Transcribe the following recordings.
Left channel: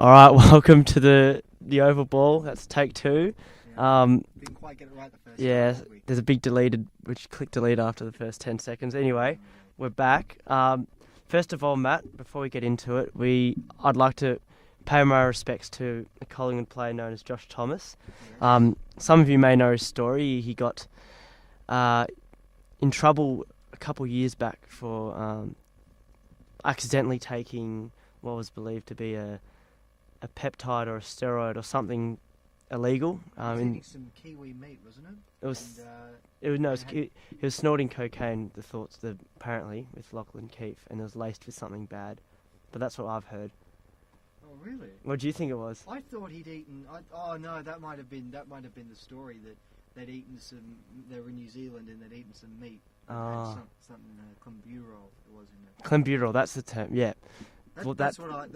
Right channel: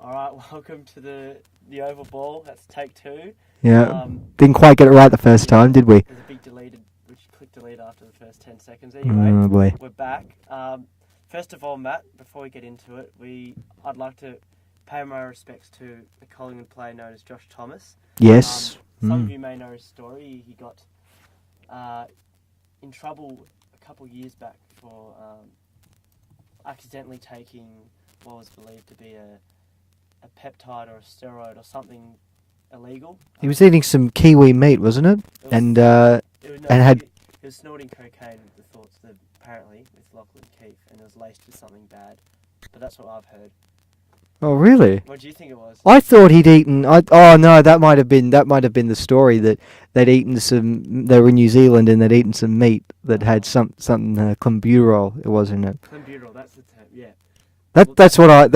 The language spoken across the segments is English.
All right, welcome to the Oval Ball. That's take two. Yeah. Didn't quite get it right the first time, did we? There's a big deleted, which click delete after the first 10 seconds. Anyway, Oh boy. we're back. First of all, Matt, before we get into it, I'd like to pay my respects to a Collingwood player known as Josh Thomas. Yes. Some of you may know his story. He got in trouble a couple years back for accidentally taking what was believed to be a peptide or a steroid or something illegal. He was eating some kiwi meat, wasn't it? He was snorting cocaine, apparently, with Lachlan Keefe, and it was laced with something bad. But that's what I've heard. Oh, really? What do you think it was? I thought he'd eaten. That might have been the story that they'd eaten some. They were in New Zealand and they'd eaten some meat that had something clenbuterol. It was in it. Clenbuterol, that's the term. Yeah. That's what I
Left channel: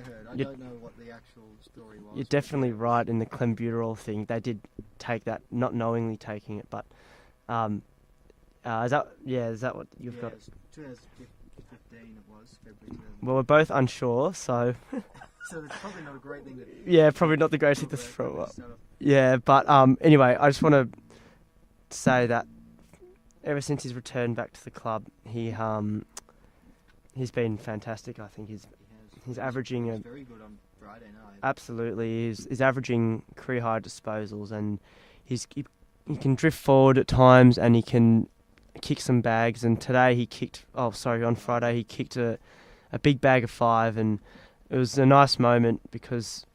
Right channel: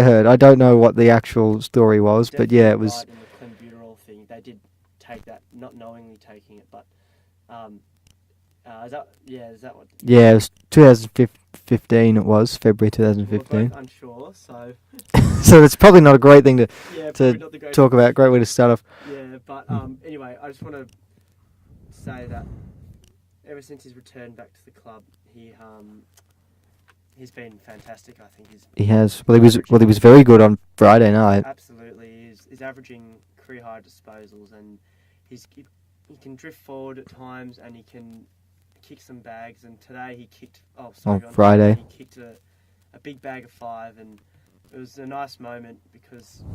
heard. I don't know what the actual story was, but yeah, it was right in the clenbuterol thing. They did take that, not knowingly taking it, but is that what? Yeah, it was 2015. It was February 2015. Well, we're both unsure, so. So it's probably not a great thing to. Yeah, probably not the greatest. Talk about. Great way to start off. Yeah, but anyway, I just want to say that ever since his return back to the club, he's been fantastic. I think he has. Well, he was very good on Friday night. Absolutely, he's averaging career high disposals, and he can drift forward at times, and he can kick some bags. And today he kicked. On Friday he kicked a big bag of 5, and it was a nice moment because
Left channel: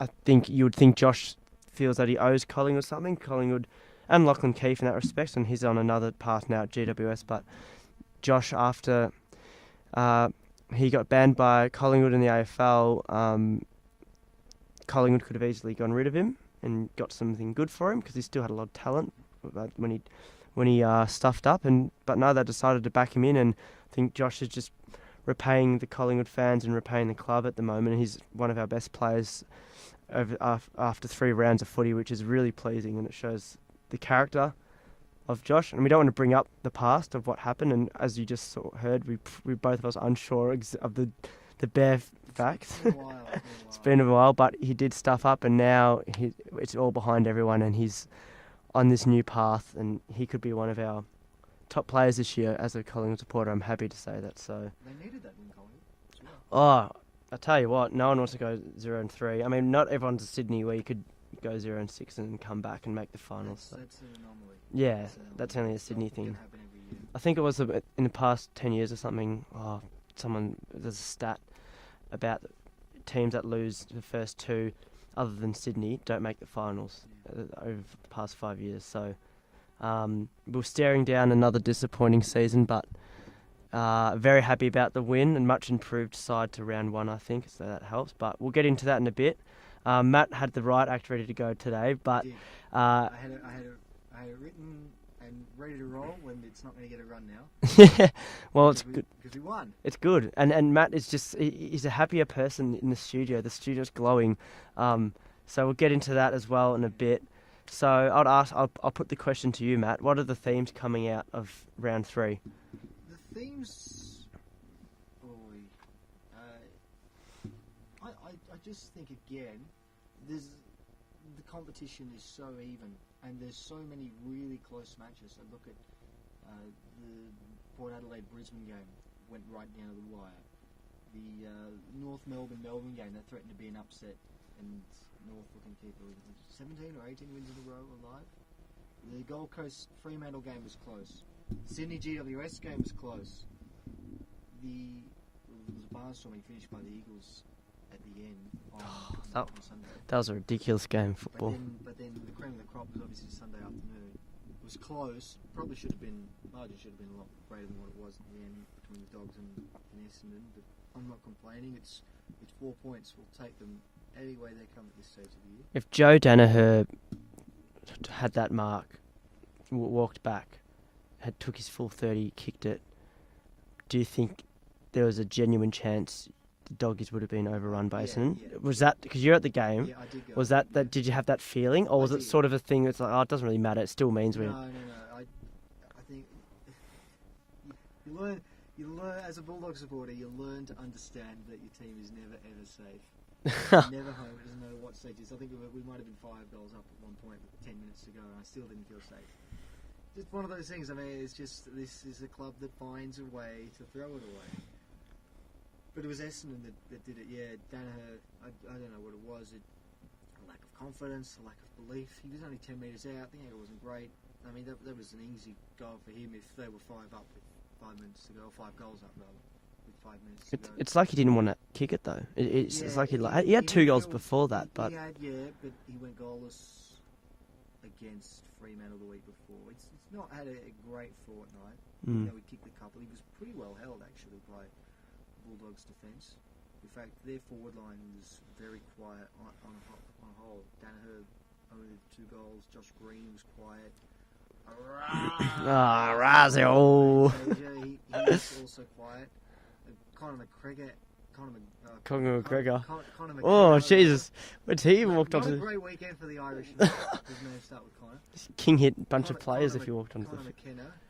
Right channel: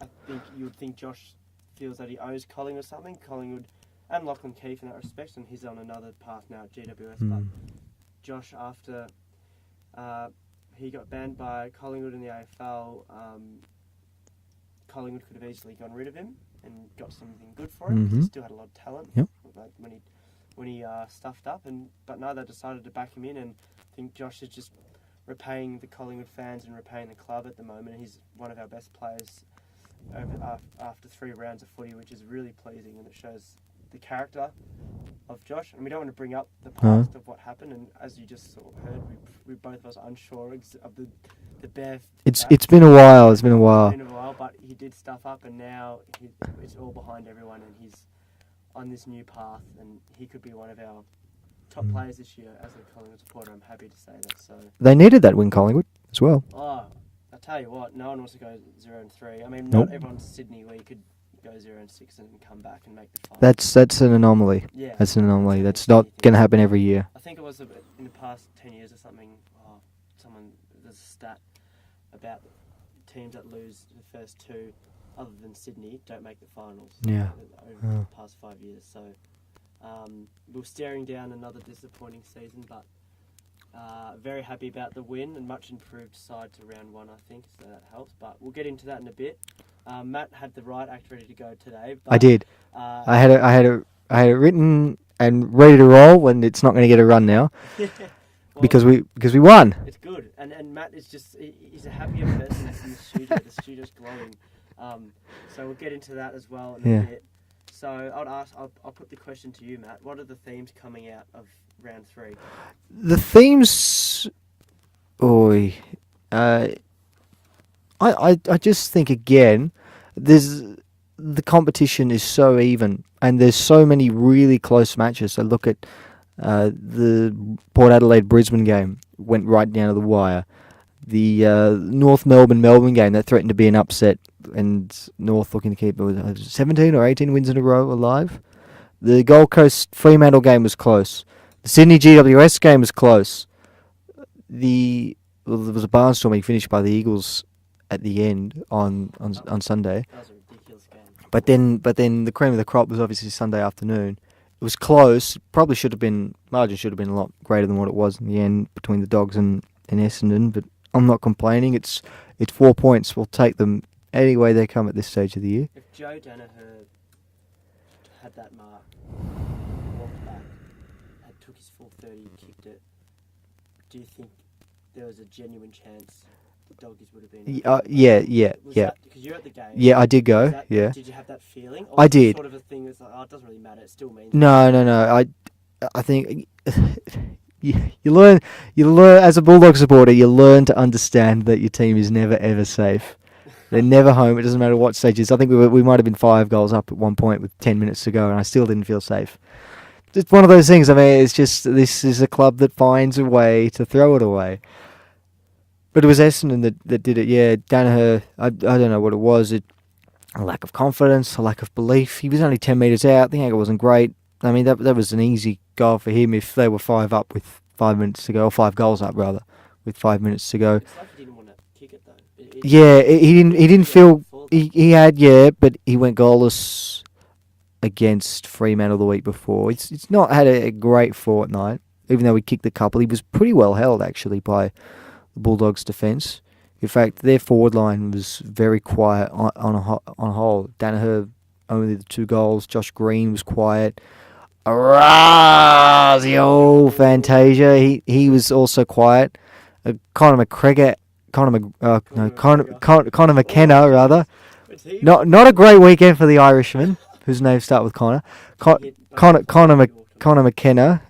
I think you would think Josh feels that he owes Collingwood something. Collingwood and Lachlan Keefe in that respect, and he's on another path now at GWS. But Josh, after he got banned by Collingwood in the AFL, Collingwood could have easily gone rid of him and got something good for him because he still had a lot of talent when he stuffed up. But no, they decided to back him in, and I think Josh is just repaying the Collingwood fans and repaying the club at the moment. And he's one of our best players after 3 rounds of footy, which is really pleasing, and it shows the character of Josh. And we don't want to bring up the past of what happened, and as you just heard, we both of us unsure of the bare It's facts. been a while. It's been a while, but he did stuff up, and now it's all behind everyone, and he's on this new path, and he could be one of our top players this year. As a Collingwood supporter, I'm happy to say that. So they needed that win, Collingwood, as well. Oh, I tell you what, no one wants to go 0-3. I mean, not everyone's Sydney where you could go 0-6 and come back and make the final. That's an anomaly. Yeah, that's an anomaly. That's not going to happen every year. I think it was in the past 10 years or something. There's a stat about teams that lose the first 2, other than Sydney, don't make the finals. Yeah. Over the past 5 years. So we're staring down another disappointing season, but very happy about the win and much improved side to round 1, I think, so that helps. But we'll get into that in a bit. Matt had the riot act ready to go today. But, I did. I had it written and ready to roll when it's not going to get a run now. Yeah. Well, because we won. It's good, and Matt is he's a happier person in the studio. The studio's glowing, so we'll get into that as well in a bit. So I'll put the question to you, Matt. What are the themes coming out of round 3? The themes, I just think again, the competition is so even, and there's so many really close matches. So look at the Port Adelaide-Brisbane game, went right down to the wire. The North Melbourne game that threatened to be an upset, and North looking to keep 17 or 18 wins in a row alive. The Gold Coast Fremantle game was close. The Sydney GWS game was close. There was a barnstorming finished by the Eagles at the end on Sunday. That was a ridiculous game. But then the cream of the crop was obviously Sunday afternoon. It was close. Margin should have been a lot greater than what it was in the end between the Dogs and Essendon. But I'm not complaining. It's 4 points. We'll take them any way they come at this stage of the year. If Joe Danaher had that mark, walked back, took his full 30, kicked it, do you think there was a genuine chance the Doggies would have been over? Yeah. Was that because you're at the game? Yeah, I did go. Did you have that feeling? Or I was did. It sort of a thing that's like, it doesn't really matter. It still means. No. I think You learn as a Bulldog supporter. You learn to understand that your team is never ever safe. They're never home. It doesn't matter what stage it is. I think we might have been 5 goals up at one point with 10 minutes to go, and I still didn't feel safe. It's one of those things. I mean, it's just this is a club that finds a way to throw it away. But it was Essendon that did it. Yeah, Danaher. I don't know what it was. A lack of confidence, a lack of belief. He was only 10 metres out. The angle wasn't great. I mean, that was an easy goal for him if they were 5 up with 5 minutes to go, or 5 goals up rather, with 5 minutes to go. It's like he didn't want to kick it though. He didn't feel he had but he went goalless against Fremantle the week before. It's not had a great fortnight, even though he kicked a couple. He was pretty well held actually by the Bulldogs' defence. In fact, their forward line was very quiet on a whole. Danaher only the 2 goals. Josh Green was quiet. Razio Fantasia. He was also quiet. Conor McGregor. Conor McKenna rather. Not a great weekend for the Irishman, whose name starts with Connor. Conor McKenna.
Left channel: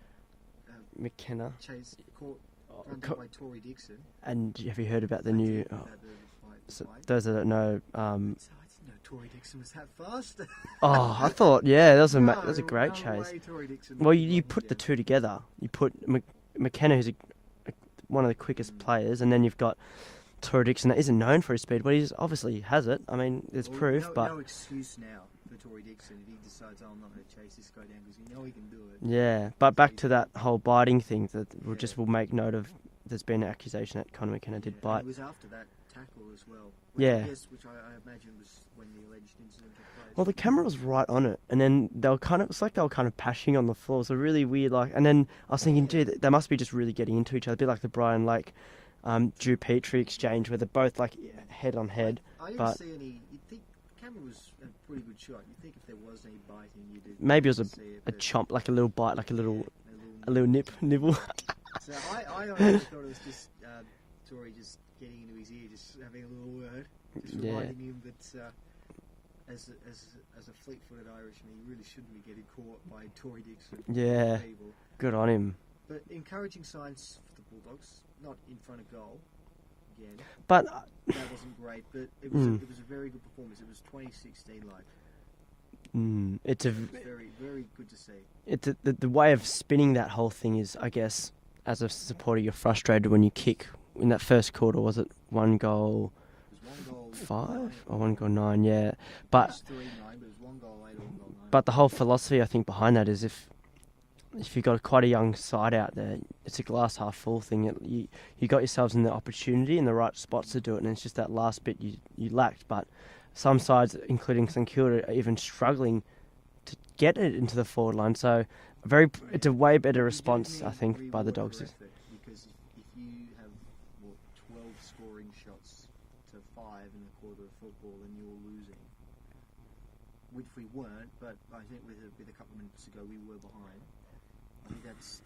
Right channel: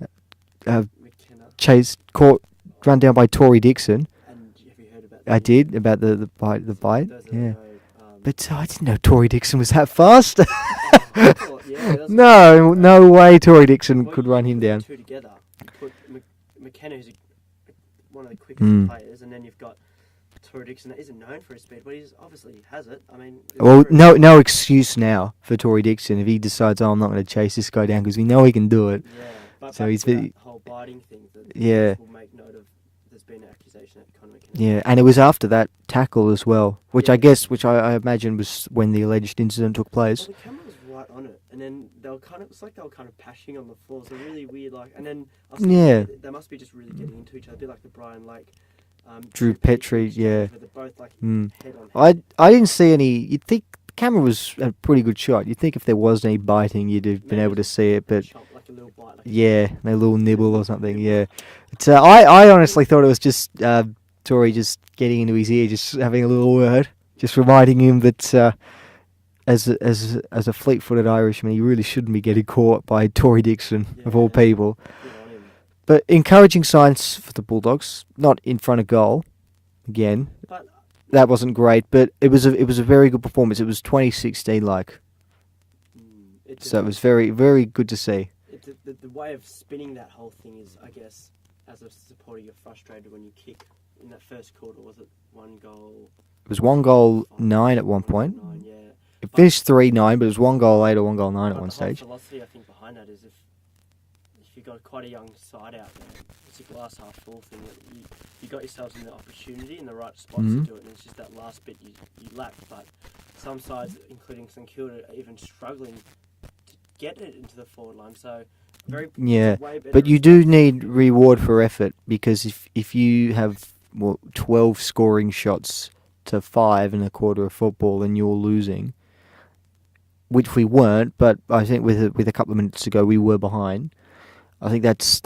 Run down by Tory Dixon. And have you heard about that? I did, about the bite. Those that don't know. But I didn't know Tory Dixon was that fast. I thought, yeah. That was no way Tory Dixon could run him down. You put the two together. You put McKenna, who's one of the quickest players, and then you've got Tory Dixon that isn't known for his speed, but he obviously has it. I mean, no excuse now for Tory Dixon if he decides, I'm not going to chase this guy down because we know he can do it. Yeah, but so back to that whole biting thing that just will make note of. There's been an accusation that Conor McKenna. Yeah, and it was after that tackle as well, which I imagine was when the alleged incident took place. Well, the camera was right on it, and then it's like they were kind of pashing on the floor. It's a really weird, and then I was thinking, they must be just really getting into each other, a bit like the Brian Drew Petrie exchange, where they're both head on head. I didn't see any. You'd think the camera was a pretty good shot. You'd think if there was any biting, you'd have been able to see it, but chomp, like a little bite, like a little nibble or something. Yeah. So I honestly thought it was just Tory just getting into his ear, just having a little word, just reminding him that as a fleet-footed Irishman, he really shouldn't be getting caught by Tory Dixon of all people. Good on him. But encouraging signs for the Bulldogs, not in front of goal, again. But that wasn't great. But it was a very good performance. It was 2016 like. So it was very, very good to see. The way of spinning that whole thing is, I guess, as a supporter, you're frustrated when you kick in that first quarter. Was it 1 goal? It was 1 goal 9 at one point. 9, yeah. It finished 3-9, but it was 1 goal 8 or 1 goal 9. But the whole philosophy, I think, behind that is if you've got quite a young side out there, it's a glass half full thing. You got yourselves in the opportunity in the right spots to do it, and it's just that last bit you lacked. But some sides, including St Kilda, are even struggling to get it into the forward line. So it's a way better. But you do need reward for effort, because if you have 12 scoring shots to 5 in a quarter of football and you're losing, which we weren't, but I think with a couple of minutes to go we were behind. I think that's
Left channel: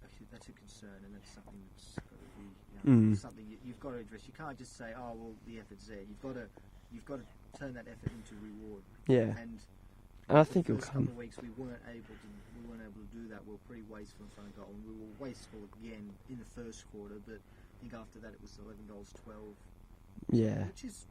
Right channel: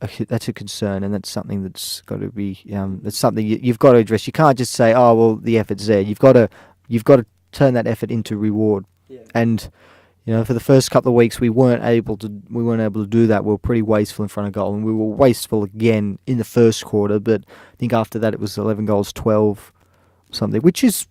a concern, and that's something that's got to be that's something you've got to address. You can't just say, "Oh, well, the effort's there." You've got to turn that effort into reward. Yeah. And for the first couple of weeks, we weren't able to do that. We were pretty wasteful in front of goal, and we were wasteful again in the first quarter. But I think after that, it was 11 goals, 12 something, which it's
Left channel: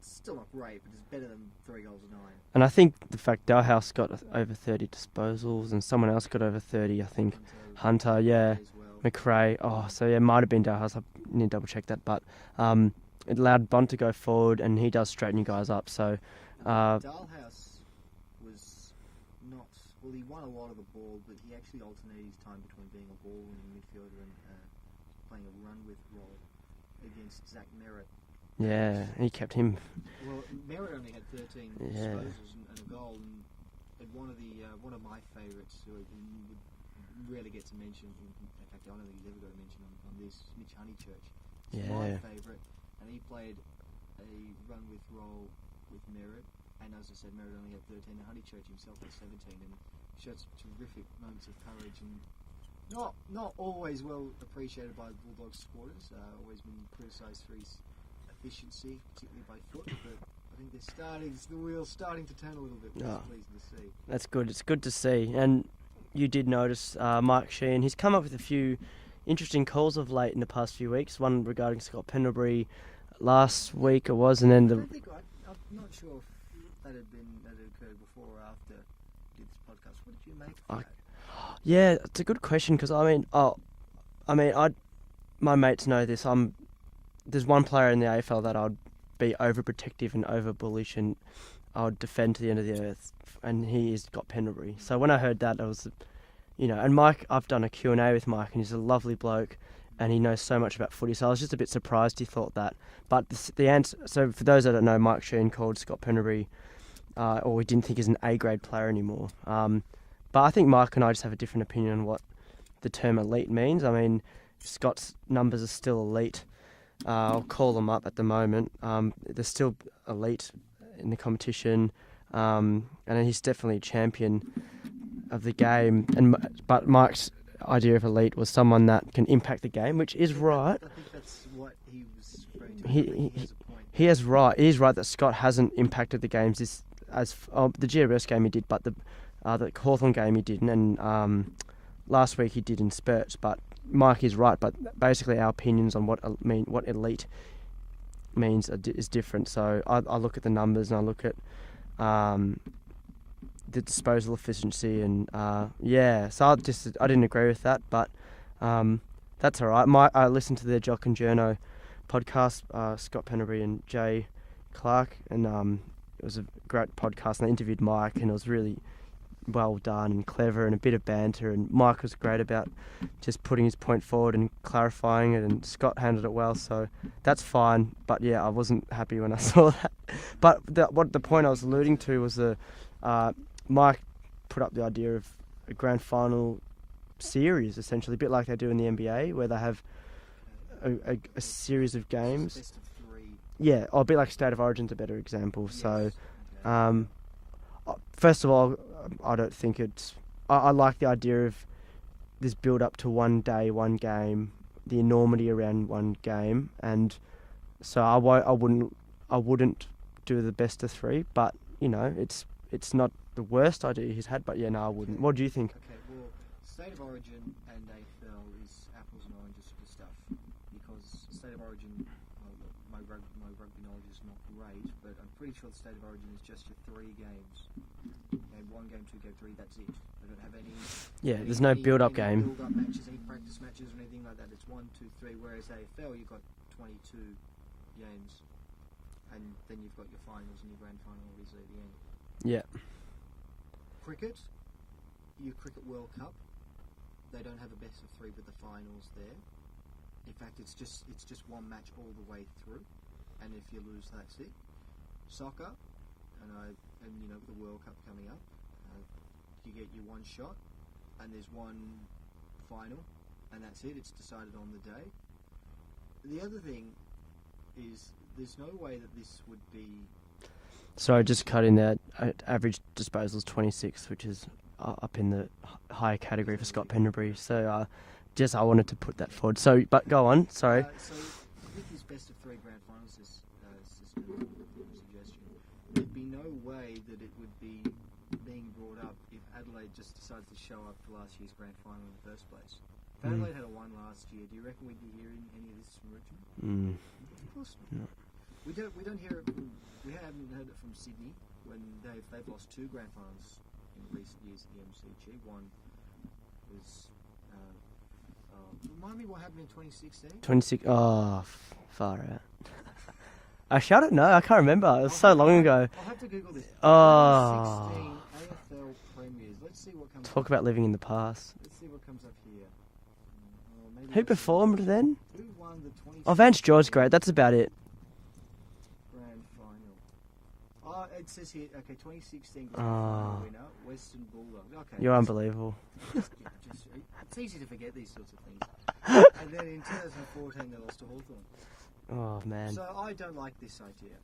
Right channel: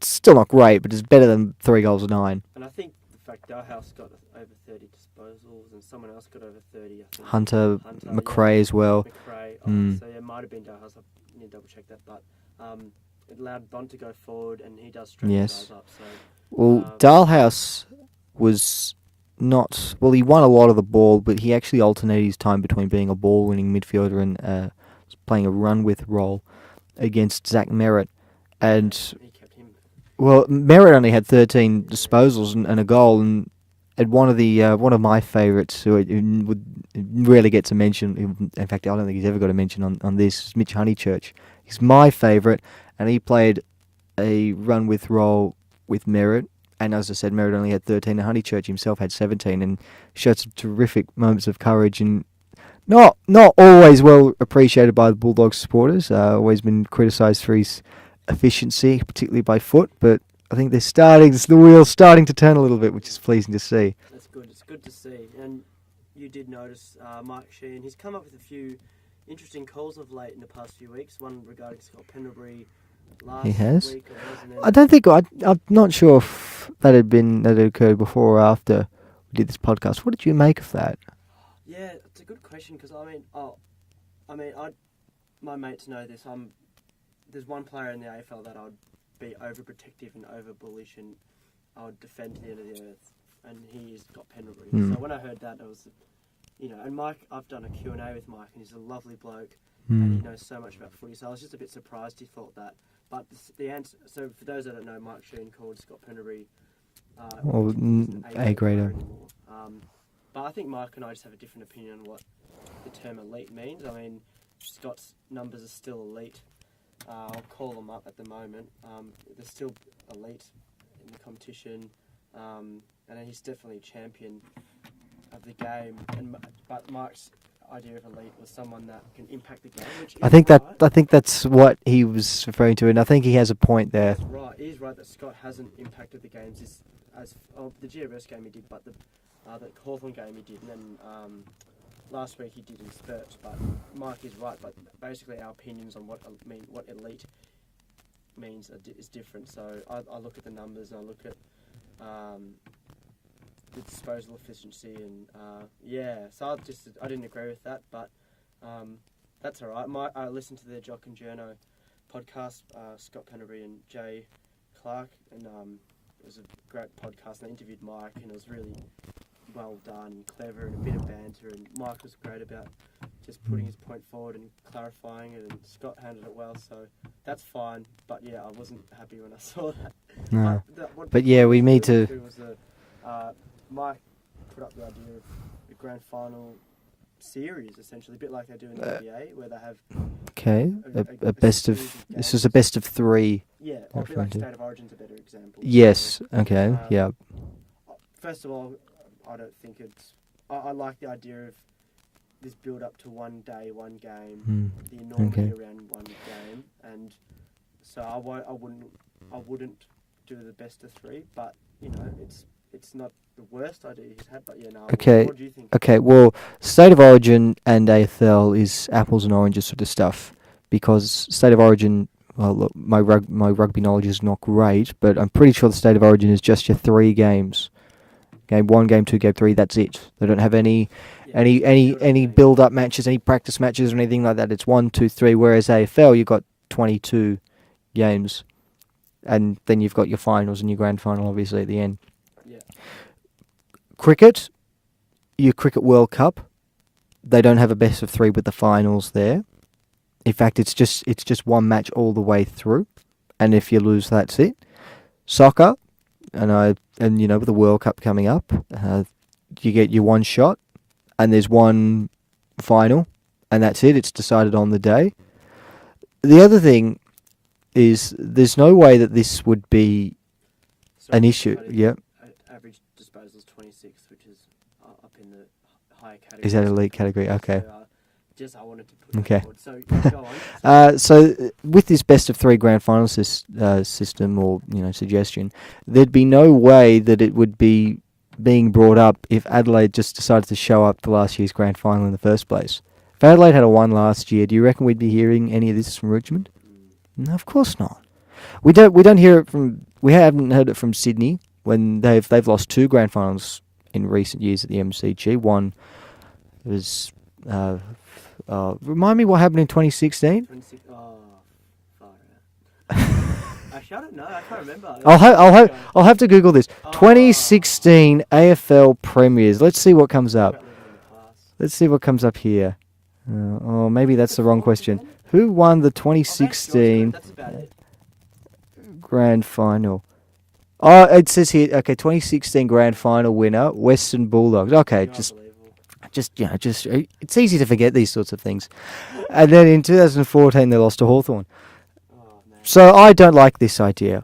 still not great, but it's better than 3 goals 9. And I think the fact Dalhouse got over 30 disposals and someone else got over 30, I think. Hunter McRae as well. McRae, so it might have been Dalhouse. I need to double check that, but it allowed Bond to go forward, and he does straighten guys up. So, Dalhouse was not... Well, he won a lot of the ball, but he actually alternated his time between being a ball-winning midfielder and playing a run-with role against Zach Merritt. And he kept him. Well, Merritt only had 13 disposals and a goal, and one of my favourites who would rarely gets a mention. In fact, I don't think he's ever got a mention on this. Is Mitch Honeychurch. He's my favourite, and he played a run with role with Merritt. And as I said, Merritt only had 13, and Honeychurch himself had 17, and showed some terrific moments of courage and. Not always well appreciated by the Bulldogs supporters. Always been criticised for his efficiency, particularly by foot, but I think the wheel's starting to turn a little bit, which is pleasing to see. That's good. It's good to see. And you did notice Mike Sheehan. He's come up with a few interesting calls of late in the past few weeks. One regarding Scott Pendlebury last week it was, and then I'm not sure if that had occurred before or after we did this podcast. What did you make of that? Yeah, it's a good question because my mates know this. There's one player in the AFL that I'd be overprotective and over bullish, and I would defend to the end of the earth, and he is Scott Pendlebury. So when I heard that, I was, and Mike, I've done a Q&A with Mike, and he's a lovely bloke, and he knows so much about footy. So I was just a bit surprised he thought that. But the answer. So for those that don't know, Mike Sheehan called Scott Pendlebury, or he didn't think he's an A-grade player anymore. But I think Mike and I just have a different opinion on what the term elite means. I mean, Scott's numbers are still elite. I'll call them up at the moment. They're still elite in the competition, and he's definitely a champion of the game. But Mike's idea of elite was someone that can impact the game, which is right. I think that's what he was referring to, and I think he has a point there. He is right that Scott hasn't impacted the games the GWS game he did, but the Hawthorn game he didn't, and last week he did in spurts. But Mike is right. But basically, our opinions on what elite means is different. So I look at the numbers and I look at the disposal efficiency, and so I didn't agree with that, but that's all right. I listened to their Jock and Journo podcast, Scott Pendlebury and Jay Clark, and it was a great podcast, and they interviewed Mike, and it was really well done and clever and a bit of banter, and Mike was great about just putting his point forward and clarifying it, and Scott handled it well, so that's fine. But yeah, I wasn't happy when I saw that. No. Was Mike put up the idea of a grand final series, essentially, a bit like they do in the NBA, where they have a best of games. This is a best of three. Yeah, a bit like State of Origin's a better example. Yes. So, first of all, I don't think it's. I like the idea of this build up to one day, one game, the enormity around one game, and so I wouldn't do the best of three, but it's not the worst idea he's had. But what do you think? Okay, well, State of Origin and AFL is apples and oranges sort of stuff, because State of Origin. Well, look, my rugby knowledge is not great, but I'm pretty sure the State of Origin is just your 3 games. Game 1, Game 2, Game 3, that's it. They don't have any build-up matches, any practice matches or anything like that. It's 1, 2, 3, whereas AFL, you've got 22 games. And then you've got your finals and your grand final, obviously, at the end. Yeah. Cricket, your Cricket World Cup, they don't have a best of 3 with the finals there. In fact, it's just one match all the way through. And if you lose, that's it. Soccer, and with the World Cup coming up, you get your one shot, and there's one final, and that's it. It's decided on the day. The other thing is, there's no way that this would be an issue. Cut in there. Average disposal is 26, which is up in the higher category. Is that elite category? Okay. So, I wanted to put that forward. So, but go on. So with this best of 3 grand final system or suggestion, there'd be no way that it would be being brought up if Adelaide just decided to show up for last year's grand final in the first place. If Adelaide had a 1 last year, do you reckon we'd be hearing any of this from Richmond? No, of course not. We don't hear it from. We haven't heard it from Sydney when they've lost 2 grand finals in recent years at the MCG. One was. Remind me what happened in 2016? 26. Oh, far out. I don't know. I can't remember. I'll have to Google this. 2016 AFL Premiers. Let's see what comes up. About living in the past. Let's see what comes up here. Maybe that's the wrong question. Then? Who won the 2016? Vance Joyce, great. That's about it. Grand final. Oh, it says here. Okay, 2016 grand final winner, Western Bulldogs. Okay, You're unbelievable. It's easy to forget these sorts of things. And then in 2014 they lost to Hawthorn. Oh man. So I don't like this idea.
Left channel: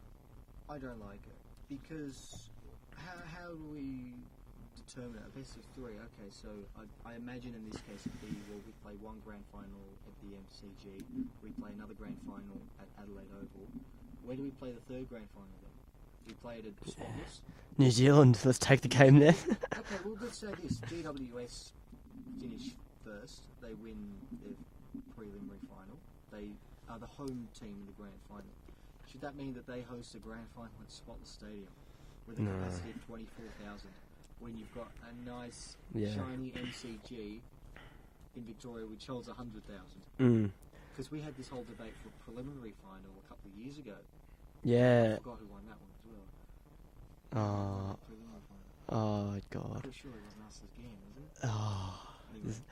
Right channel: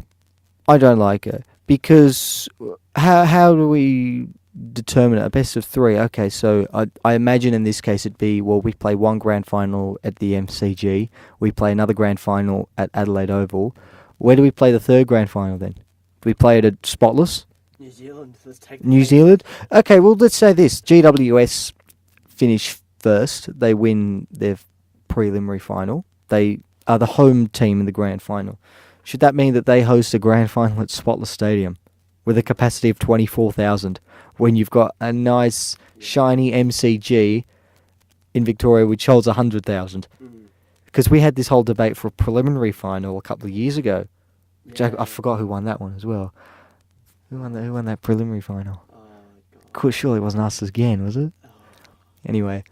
I don't like it because how do we determine a best of 3? Okay, so I imagine in this case it'd be, we play 1 grand final at the MCG, we play another grand final at Adelaide Oval. Where do we play the 3rd grand final then? Do we play it at Spotless? New Zealand. Let's take the New Zealand. Okay, well let's say this: GWS finish first, they win their preliminary final. They are the home team in the grand final. Should that mean that they host a grand final at Spotless Stadium with a capacity of 24,000 when you've got a nice, shiny MCG in Victoria which holds 100,000? Because we had this whole debate for a preliminary final a couple of years ago. I forgot who won that one as well. Who won that preliminary final? Oh, God. Surely it wasn't us again, was it? Oh. Anyway,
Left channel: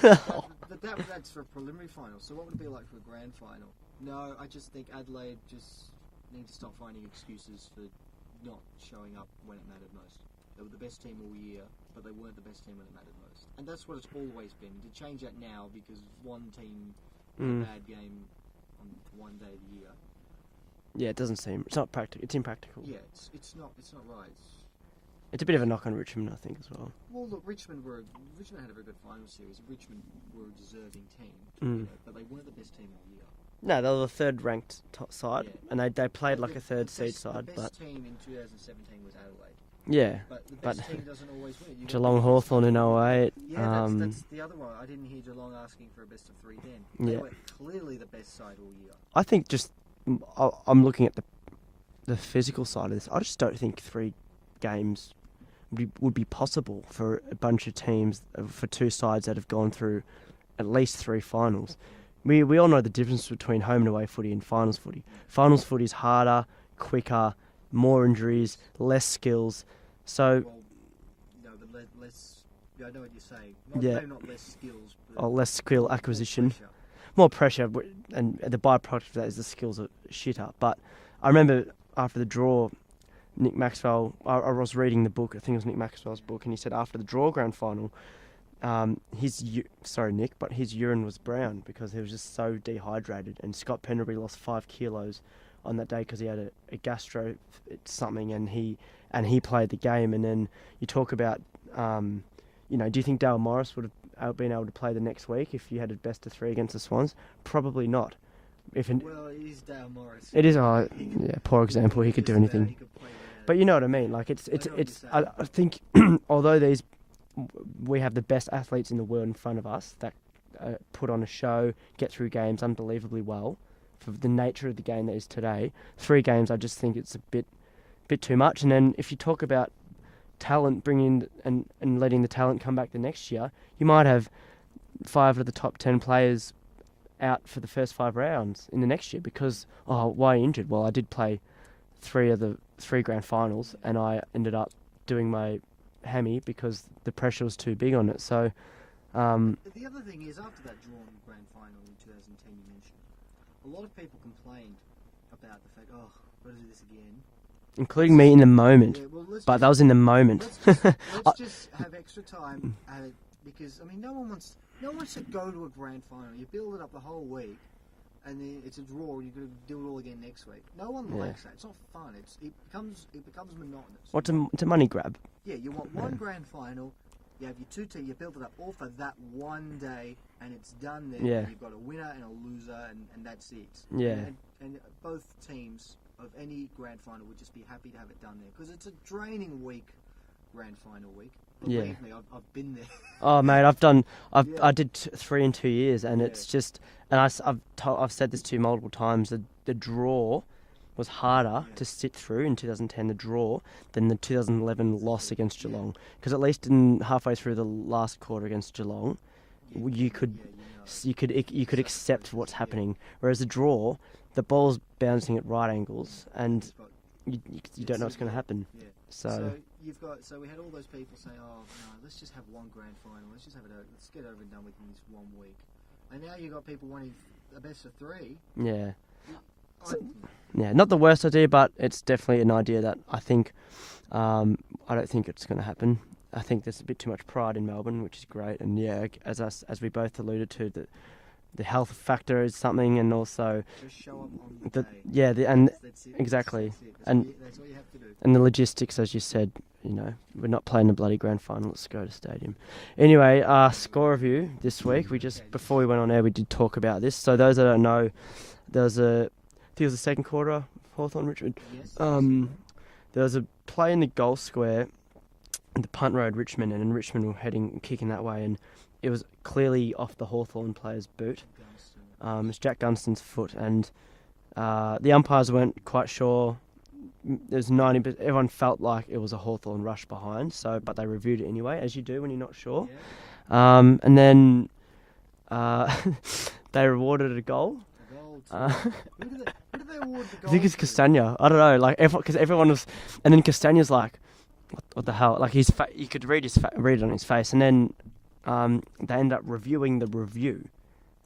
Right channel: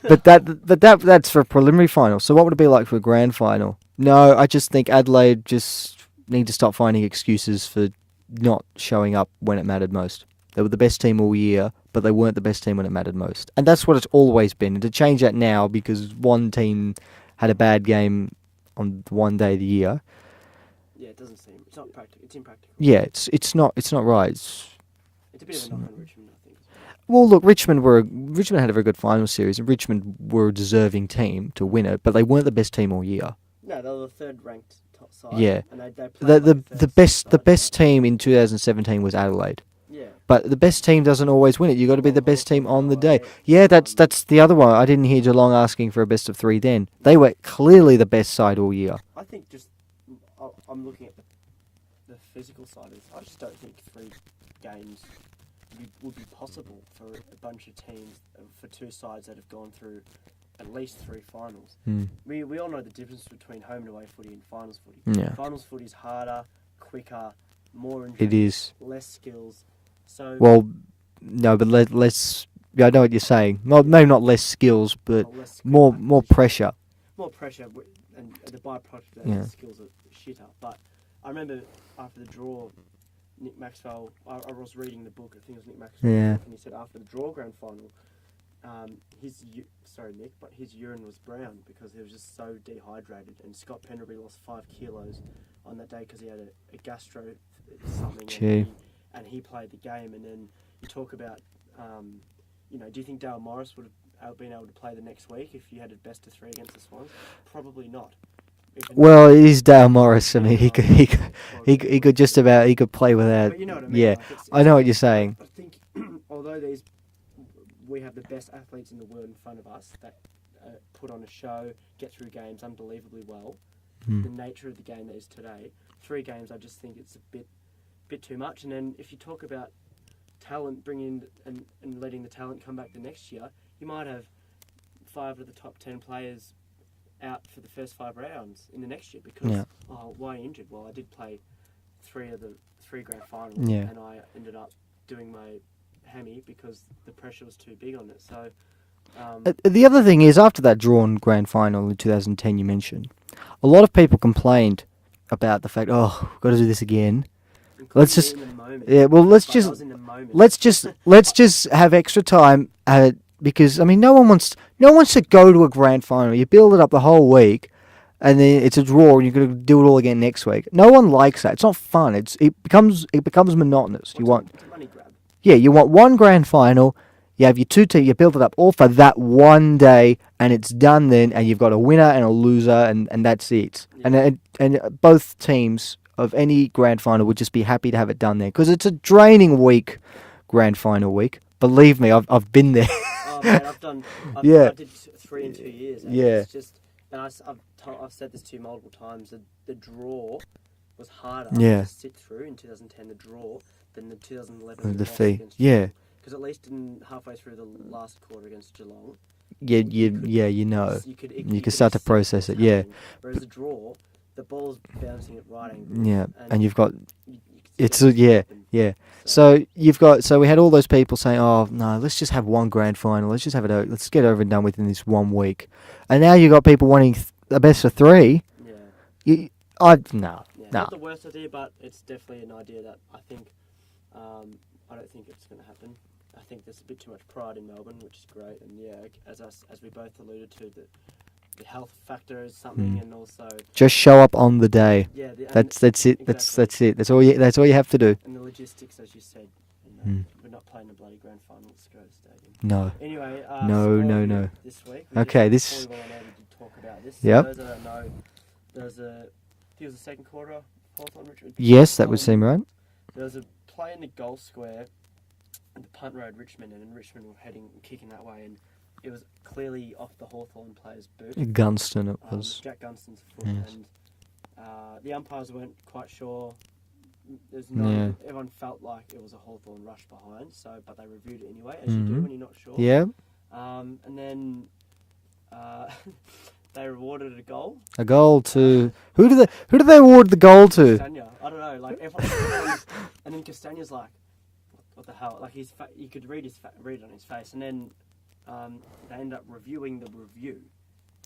but that's for a preliminary final. So what would it be like for a grand final? No, I just think Adelaide just need to stop finding excuses for not showing up when it mattered most. They were the best team all year, but they weren't the best team when it mattered most. And that's what it's always been. And to change that now because one team had a bad game on one day of the year. Yeah, it doesn't seem... It's not practical. It's impractical. Yeah, it's not right. It's a bit of a knock on Richmond, I think, as well. Well, look, Richmond had a very good final series, and Richmond were a deserving team to win it, but they weren't the best team all year. No, they were the third-ranked side. Yeah, and they played the best team in 2017 was Adelaide. Yeah, but the best team doesn't always win it. You got to be the best team on the day. Yeah, that's the other one. I didn't hear Geelong asking for a best of three. Then they were clearly the best side all year. I think I'm looking at the physical side of this. I just don't think 3 games would be possible for a bunch of teams, for 2 sides that have gone through at least 3 finals. We all know the difference between home and away footy and finals footy. Yeah. Finals footy is harder, quicker, more injuries, less skills. So no, but less. Yeah, I know what you're saying. Maybe not less skills, but less skill more pressure. More pressure, and the byproduct of that is the skills are shitter. But I remember after the draw, Nick Maxwell, I was reading the book, I think it was Nick Maxwell's book, and he said after the draw grand final, Nick, but his urine was brown because he was just so dehydrated, and Scott Pendlebury lost 5 kilos on that day because he had a gastro something, and he played the game. And then you talk about, do you think Dale Morris would have been able to play the next week if you had a best of 3 against the Swans? Probably not. Well, it is Dale Morris. I mean, he could just about play without. But you know what I mean. Yeah, I know what you're saying. I think although we have the best athletes in the world in front of us that put on a show, get through games unbelievably well, for the nature of the game that is today. 3 games, I just think it's a bit too much. And then if you talk about talent, bringing and letting the talent come back the next year, you might have 5 of the top 10 players out for the first 5 rounds in the next year because why injured? Well, I did play 3 of the 3 grand finals, and I ended up doing my hammy because the pressure was too big on it. So the other thing is, after that drawn grand final in 2010 you mentioned, a lot of people complained about the fact, we've got to do this again. Including me in the moment. Yeah, well, I was in the moment. Let's just have extra time because I mean, no one wants to go to a grand final. You build it up the whole week, and then it's a draw, and you're going to do it all again next week. No one likes that. It's not fun. It becomes monotonous. It's a money grab. Yeah, you want one grand final. You have your 2 teams. You build it up all for that one day, and it's done then. And you've got a winner and a loser, and that's it. Yeah. And both teams of any grand final would just be happy to have it done there because it's a draining week, grand final week. Believe me, I've been there. Oh man, I did 3 in 2 years, and it's just, and I've said this to you multiple times. The draw was harder to sit through in 2010, the draw, than the 2011 loss against Geelong. Because at least in halfway through the last quarter against Geelong, you could start to process it. Yeah. Whereas the draw, the ball's bouncing at right angles. Yeah, and you've got So we had all those people saying, "Oh no, let's just have one grand final. Let's just have it. Let's get over and done with in this one week." And now you got people wanting a best of 3. Yeah. Not the worst idea, but it's definitely an idea that I think. I don't think it's going to happen. I think there's a bit too much pride in Melbourne, which is great. And as we both alluded to, the health factor is something, and also just show up on the day. Yeah, that's it. Exactly. That's it. That's all you have to do. And the logistics, as you said, we're not playing the bloody grand final at Skoda Stadium. No. Anyway, score review this week. Before we went on air, we did talk about this. So those that don't know, there was I think it was the second quarter, Hawthorn Richmond. Yes, that would seem right. There was a play in the goal square the punt road Richmond, and Richmond were kicking that way, and it was clearly off the Hawthorn player's boot. Gunston. It It was was. Jack Gunston's foot, Yes. and the umpires weren't quite sure. There's 90. Yeah. Everyone felt like it was a Hawthorn rush behind, but they reviewed it anyway, as you do when you're not sure. Yeah. And then they rewarded a goal. A goal to who did they award the goal to? Castagna. I don't know. Like everyone is, and then Castagna's like, what the hell? Like you could read read it on his face, and then they end up reviewing the review.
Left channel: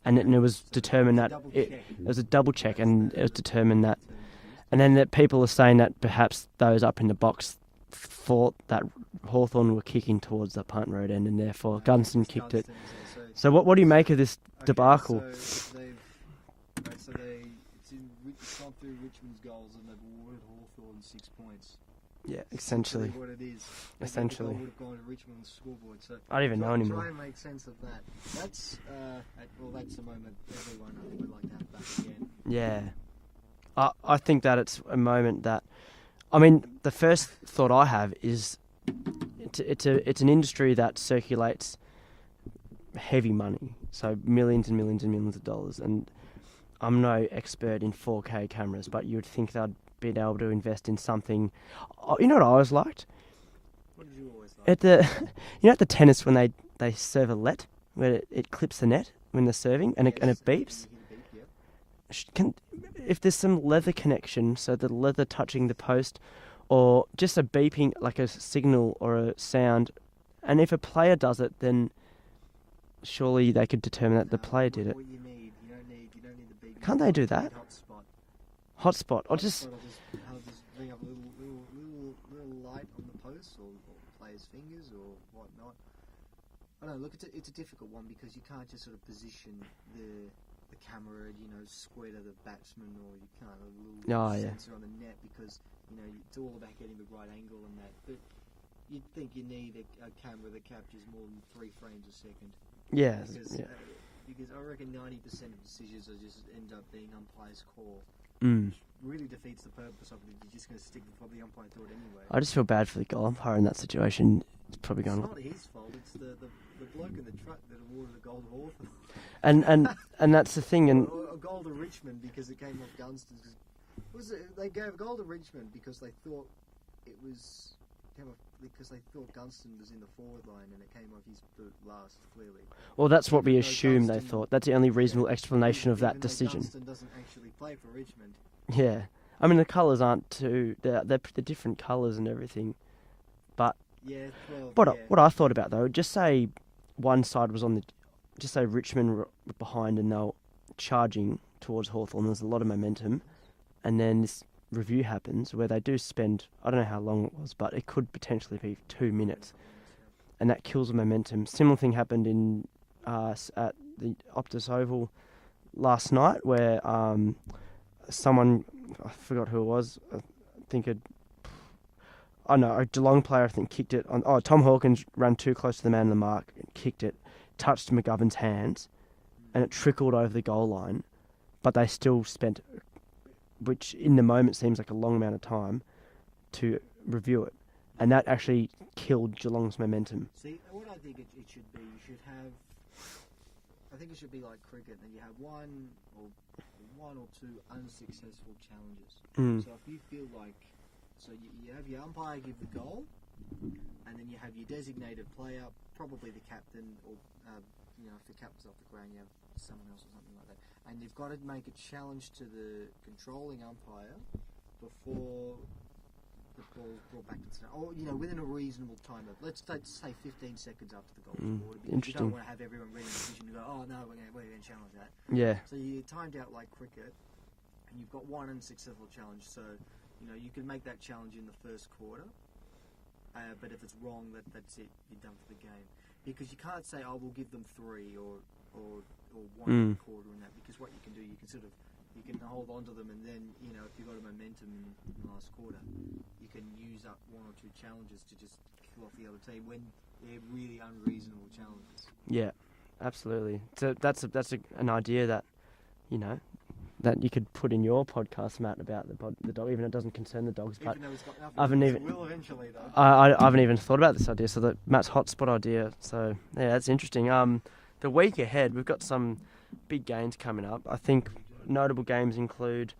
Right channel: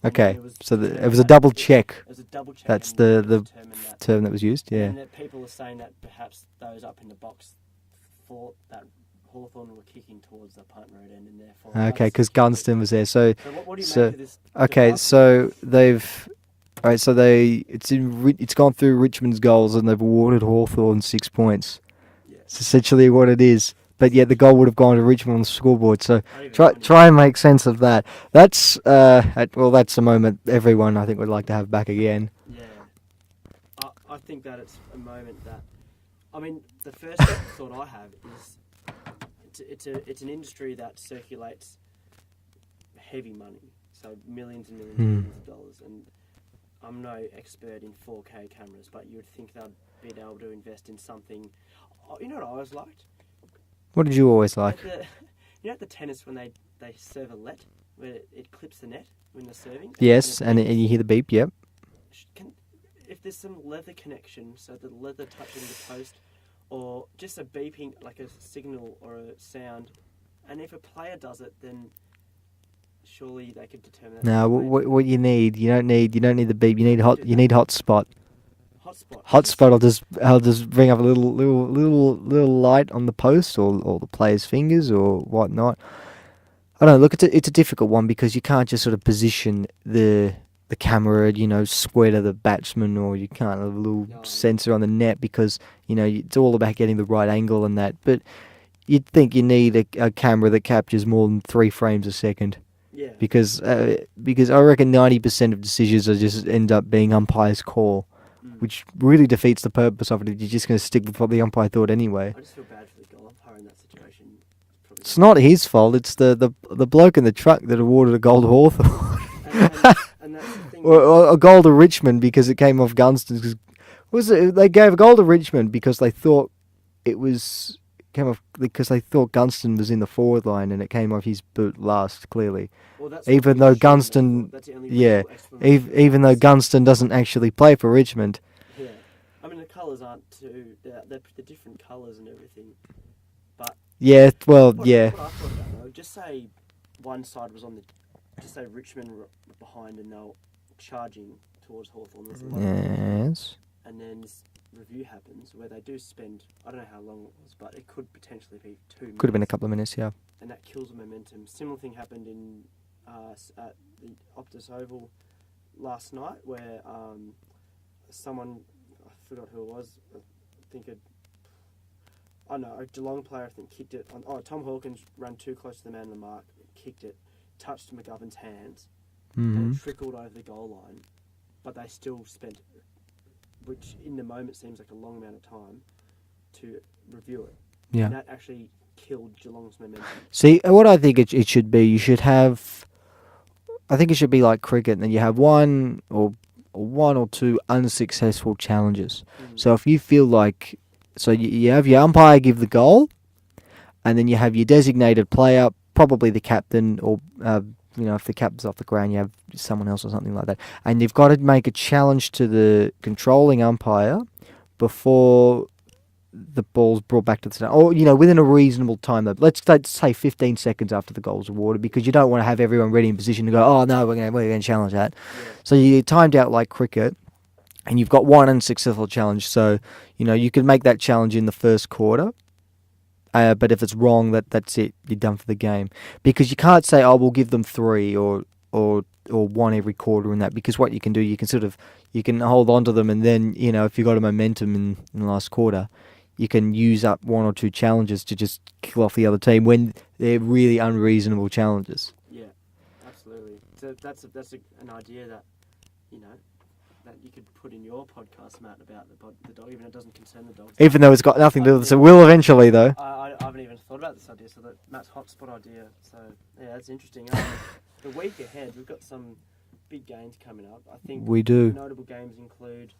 And Okay, it was so it determined was a that double check. It was a double check, That's and the it was determined that. term that was used. And yeah. then that people are saying that perhaps those up in the box thought that Hawthorn were kicking towards the punt road end, and therefore Okay, because kicked it. Gunston was there. So what do you make of this? okay, debacle? so they've. All right, so it's gone through Richmond's goals and they've awarded Hawthorn 6 points. Yeah, It's essentially what it is. But yeah, the goal would have gone to Richmond on the scoreboard. So I don't even know try and make sense of that. That's that's a moment everyone I think would like to have back again. Yeah, I think that it's a moment that, I mean, the first thought I have is it's an industry that circulates heavy money, so millions and millions and millions of dollars. And I'm no expert in 4K cameras, but you would think they'd be able to invest in something. You know what I always liked? What did you always like? At the tennis when they serve a let, where it clips the net when they're serving. Yes, and and you hear the beep. Yep. If there's some leather connection, so the leather touching the post, or just a beeping, like a signal or a sound, and if a player does it, then surely they could determine that No, the player did it. what you don't need the beep. You Can't need we do that? hotspot. Hotspot. Hotspot. I'll just bring up a little light on the post or the player's fingers or whatnot. I don't know. Look, it's a difficult one because you can't just sort of position the camera, square to the batsman, or you can't have a little sensor on the net because it's all about getting the right angle and that. But you'd think you need a camera that captures more than 3 frames a second. Yeah. Because I reckon 90% of decisions are just end up being umpire's call. Which really defeats the purpose of it if you're just going to stick with what the umpire thought anyway. I just feel bad for the goal umpire in that situation. It's not his fault. It's the bloke in the truck that awarded a goal to Hawthorn. and that's the thing. Or a goal to Richmond because it came off Gunston. They gave a goal to Richmond because they thought because they thought Gunston was in the forward line and it came off his boot last, clearly. Well, that's even what though assumed Gunston, they thought. That's the only reasonable explanation. Even though Gunston doesn't actually play for Richmond. Yeah, I mean the colours aren't too. They're different colours and everything, but yeah, well, what I thought about though, just say one side was just say Richmond were behind and they were charging towards Hawthorn. There's a lot of momentum, and then this review happens where they do spend, I don't know how long it was, but it could potentially be 2 minutes. Could have been a couple of minutes, yeah. And that kills the momentum. Similar thing happened in at the Optus Oval last night where someone, I forgot who it was, a Geelong player I think kicked it on. Tom Hawkins ran too close to the man in the mark, kicked it, touched McGovern's hands, and it trickled over the goal line, but they still spent, which in the moment seems like a long amount of time, to review it. Yeah. And that actually killed Geelong's momentum. See, what I think it should be, I think it should be like cricket, and then you have one or two unsuccessful challenges. So if you feel like, you have your umpire give the goal, and then you have your designated player, probably the captain, or if the captain's off the ground, you have someone else or something like that, and you've got to make a challenge to the controlling umpire before the ball's brought back to the stand, or within a reasonable time though. Let's say 15 seconds after the goal's awarded, because you don't want to have everyone ready in position to go, oh no, we're going to challenge that. Yeah. So you timed out like cricket, and you've got one unsuccessful challenge. So you can make that challenge in the first quarter. But if it's wrong, that's it. You're done for the game, because you can't say, "Oh, we'll give them 3 or one every quarter," in that. Because what you can do, you can hold on to them, and then if you got a momentum in the last quarter, you can use up 1 or 2 challenges to just kill off the other team when they're really unreasonable challenges. Yeah, absolutely. So that's an idea that that you could put in your podcast, Matt, about the dog, even though it doesn't concern the dogs. Even though it's got nothing to do with it. So even- will eventually, though. I haven't even thought about this idea, so that Matt's hotspot idea. So yeah, that's interesting. The week ahead, we've got some big games coming up. I think We do. notable games include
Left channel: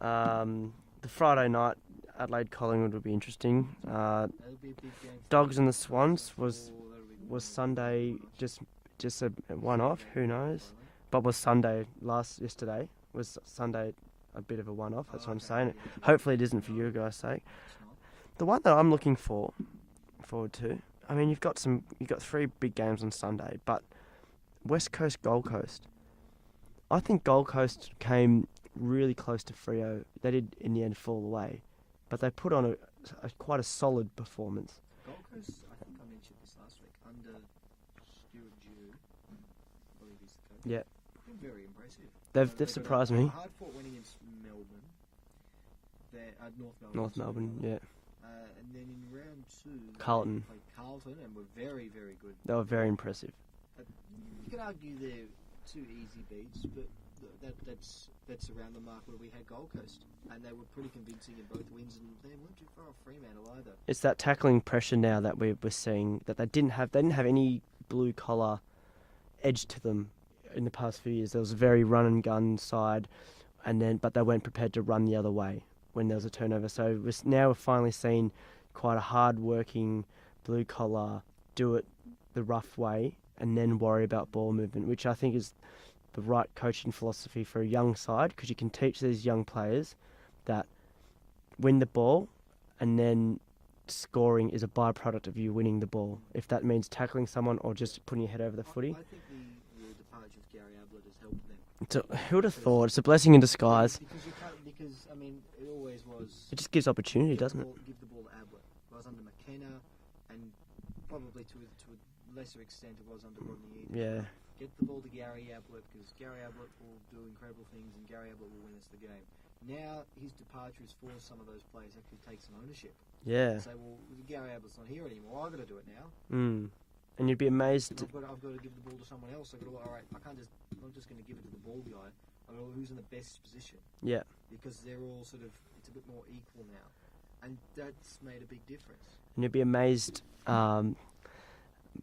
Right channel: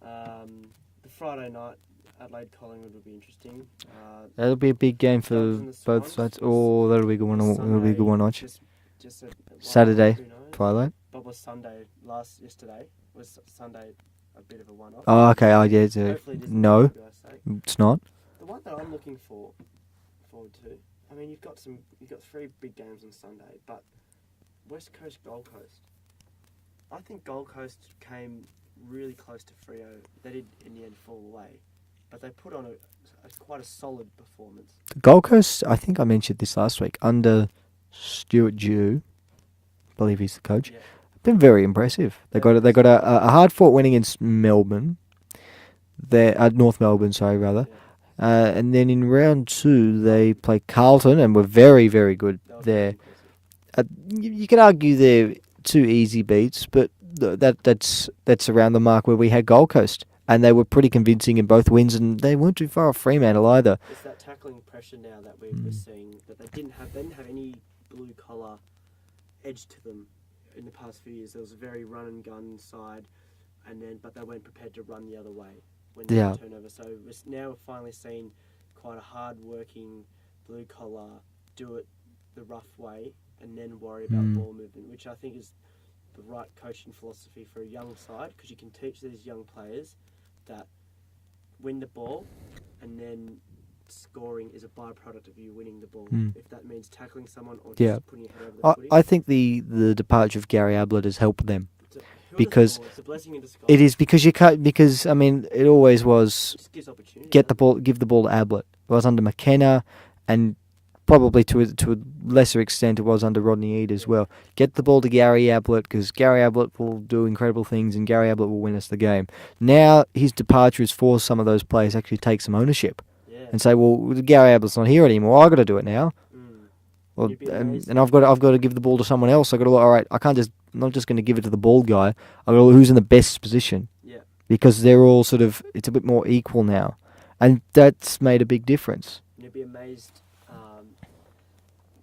the Friday night Adelaide Collingwood will be interesting. That'll be a big game for Dogs and the both Swans sides. was- Oh, that'll be a good one. was That'll be a good one. Watch. Just a one-off, Saturday, who knows? Twilight. But was Sunday yesterday? Was Sunday a bit of a one-off? Oh, as you okay. Oh, say? yeah. It's a, Hopefully it isn't. no. For you guys' sake. it's not. The one that I'm looking forward to. I mean, you've got 3 big games on Sunday, but West Coast, Gold Coast. I think Gold Coast came really close to Freo. They did in the end fall away, but they put on quite a solid performance. Gold Coast, I think I mentioned this last week, under Stuart Dew, I believe he's the coach, Yeah, been very impressive. They They've got a surprised me. hard-fought win against Melbourne. North Melbourne, sorry, rather. Yeah. And then in round 2, they Carlton. played Carlton and were very, very good They were very there. impressive. You could argue they're 2 easy beats, but that's around the mark where we had Gold Coast. And they were pretty convincing in both wins, and they weren't too far off Fremantle either. It's that tackling pressure now that we're seeing that they didn't have. They didn't have any blue collar edge to them in the past few years. There was a very run and gun side, but they weren't prepared to run the other way when there was a turnover. So now we're finally seeing quite a hard working blue collar do it the rough way and then worry about ball movement, which I think is the right coaching philosophy for a young side, because you can teach these young players that win the ball and then scoring is a byproduct of you winning the ball. If that means tackling someone or just putting your head over the footy. I think the departure of Gary Ablett has helped them. Who would have because thought? It's a blessing in disguise. It is because you can't, because I mean it always was It just gives opportunity. give the doesn't it? ball to Ablett. It was under McKenna, and probably to a lesser extent it was under Rodney Eade as Yeah. well. Get the ball to Gary Ablett, because Gary Ablett will do incredible things and Gary Ablett will win us the game. Now his departure has forced some of those players to actually take some ownership Yeah. and say, well, Gary Ablett's not here anymore. I've got to do it now. Mm. Well, And you'd be amazed. and I've got to give the ball to someone else. I've got to look, all right, I'm not just going to give it to the ball guy. I've got to look who's in the best position, Yeah. because they're all sort of, it's a bit more equal now. And that's made a big difference. And you'd be amazed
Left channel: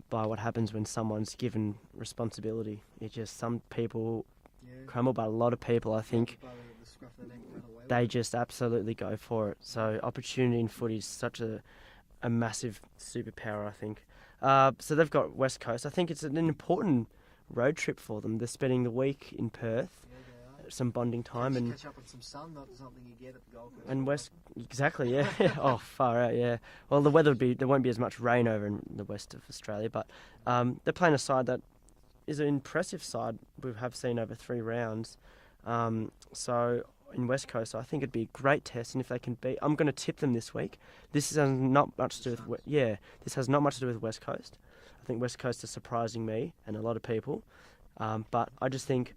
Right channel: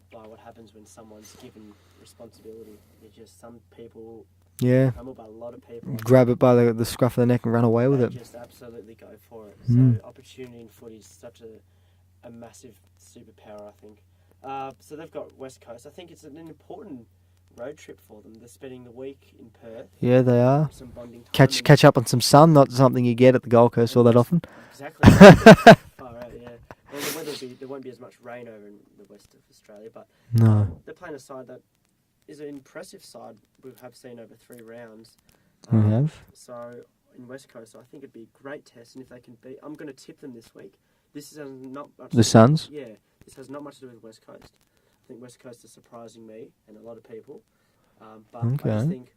by what happens when someone's given responsibility. Some people Yeah. crumble, but a lot of people Grab it by the scruff of the neck and run away with they it. just absolutely go for it. Mm. So opportunity in footy is such a massive superpower, I think. So they've got West Coast. I think it's an important road trip for them. They're spending the week in Perth. Yeah, they are. Some bonding time. and- Catch up on some sun, not something you get at the Gold Coast all and that West- often. Exactly. Oh, far out, yeah. Well, the weather there won't be as much rain over in the west of Australia, but No. they're playing a side that is an impressive side we have seen over 3 rounds. We have. So in West Coast, I think it'd be a great test, and if they can beat, I'm going to tip them this week. This has not much. The to do Suns? With, yeah, this has not much to do with West Coast. I think West Coast is surprising me and a lot of people, but I just Okay. think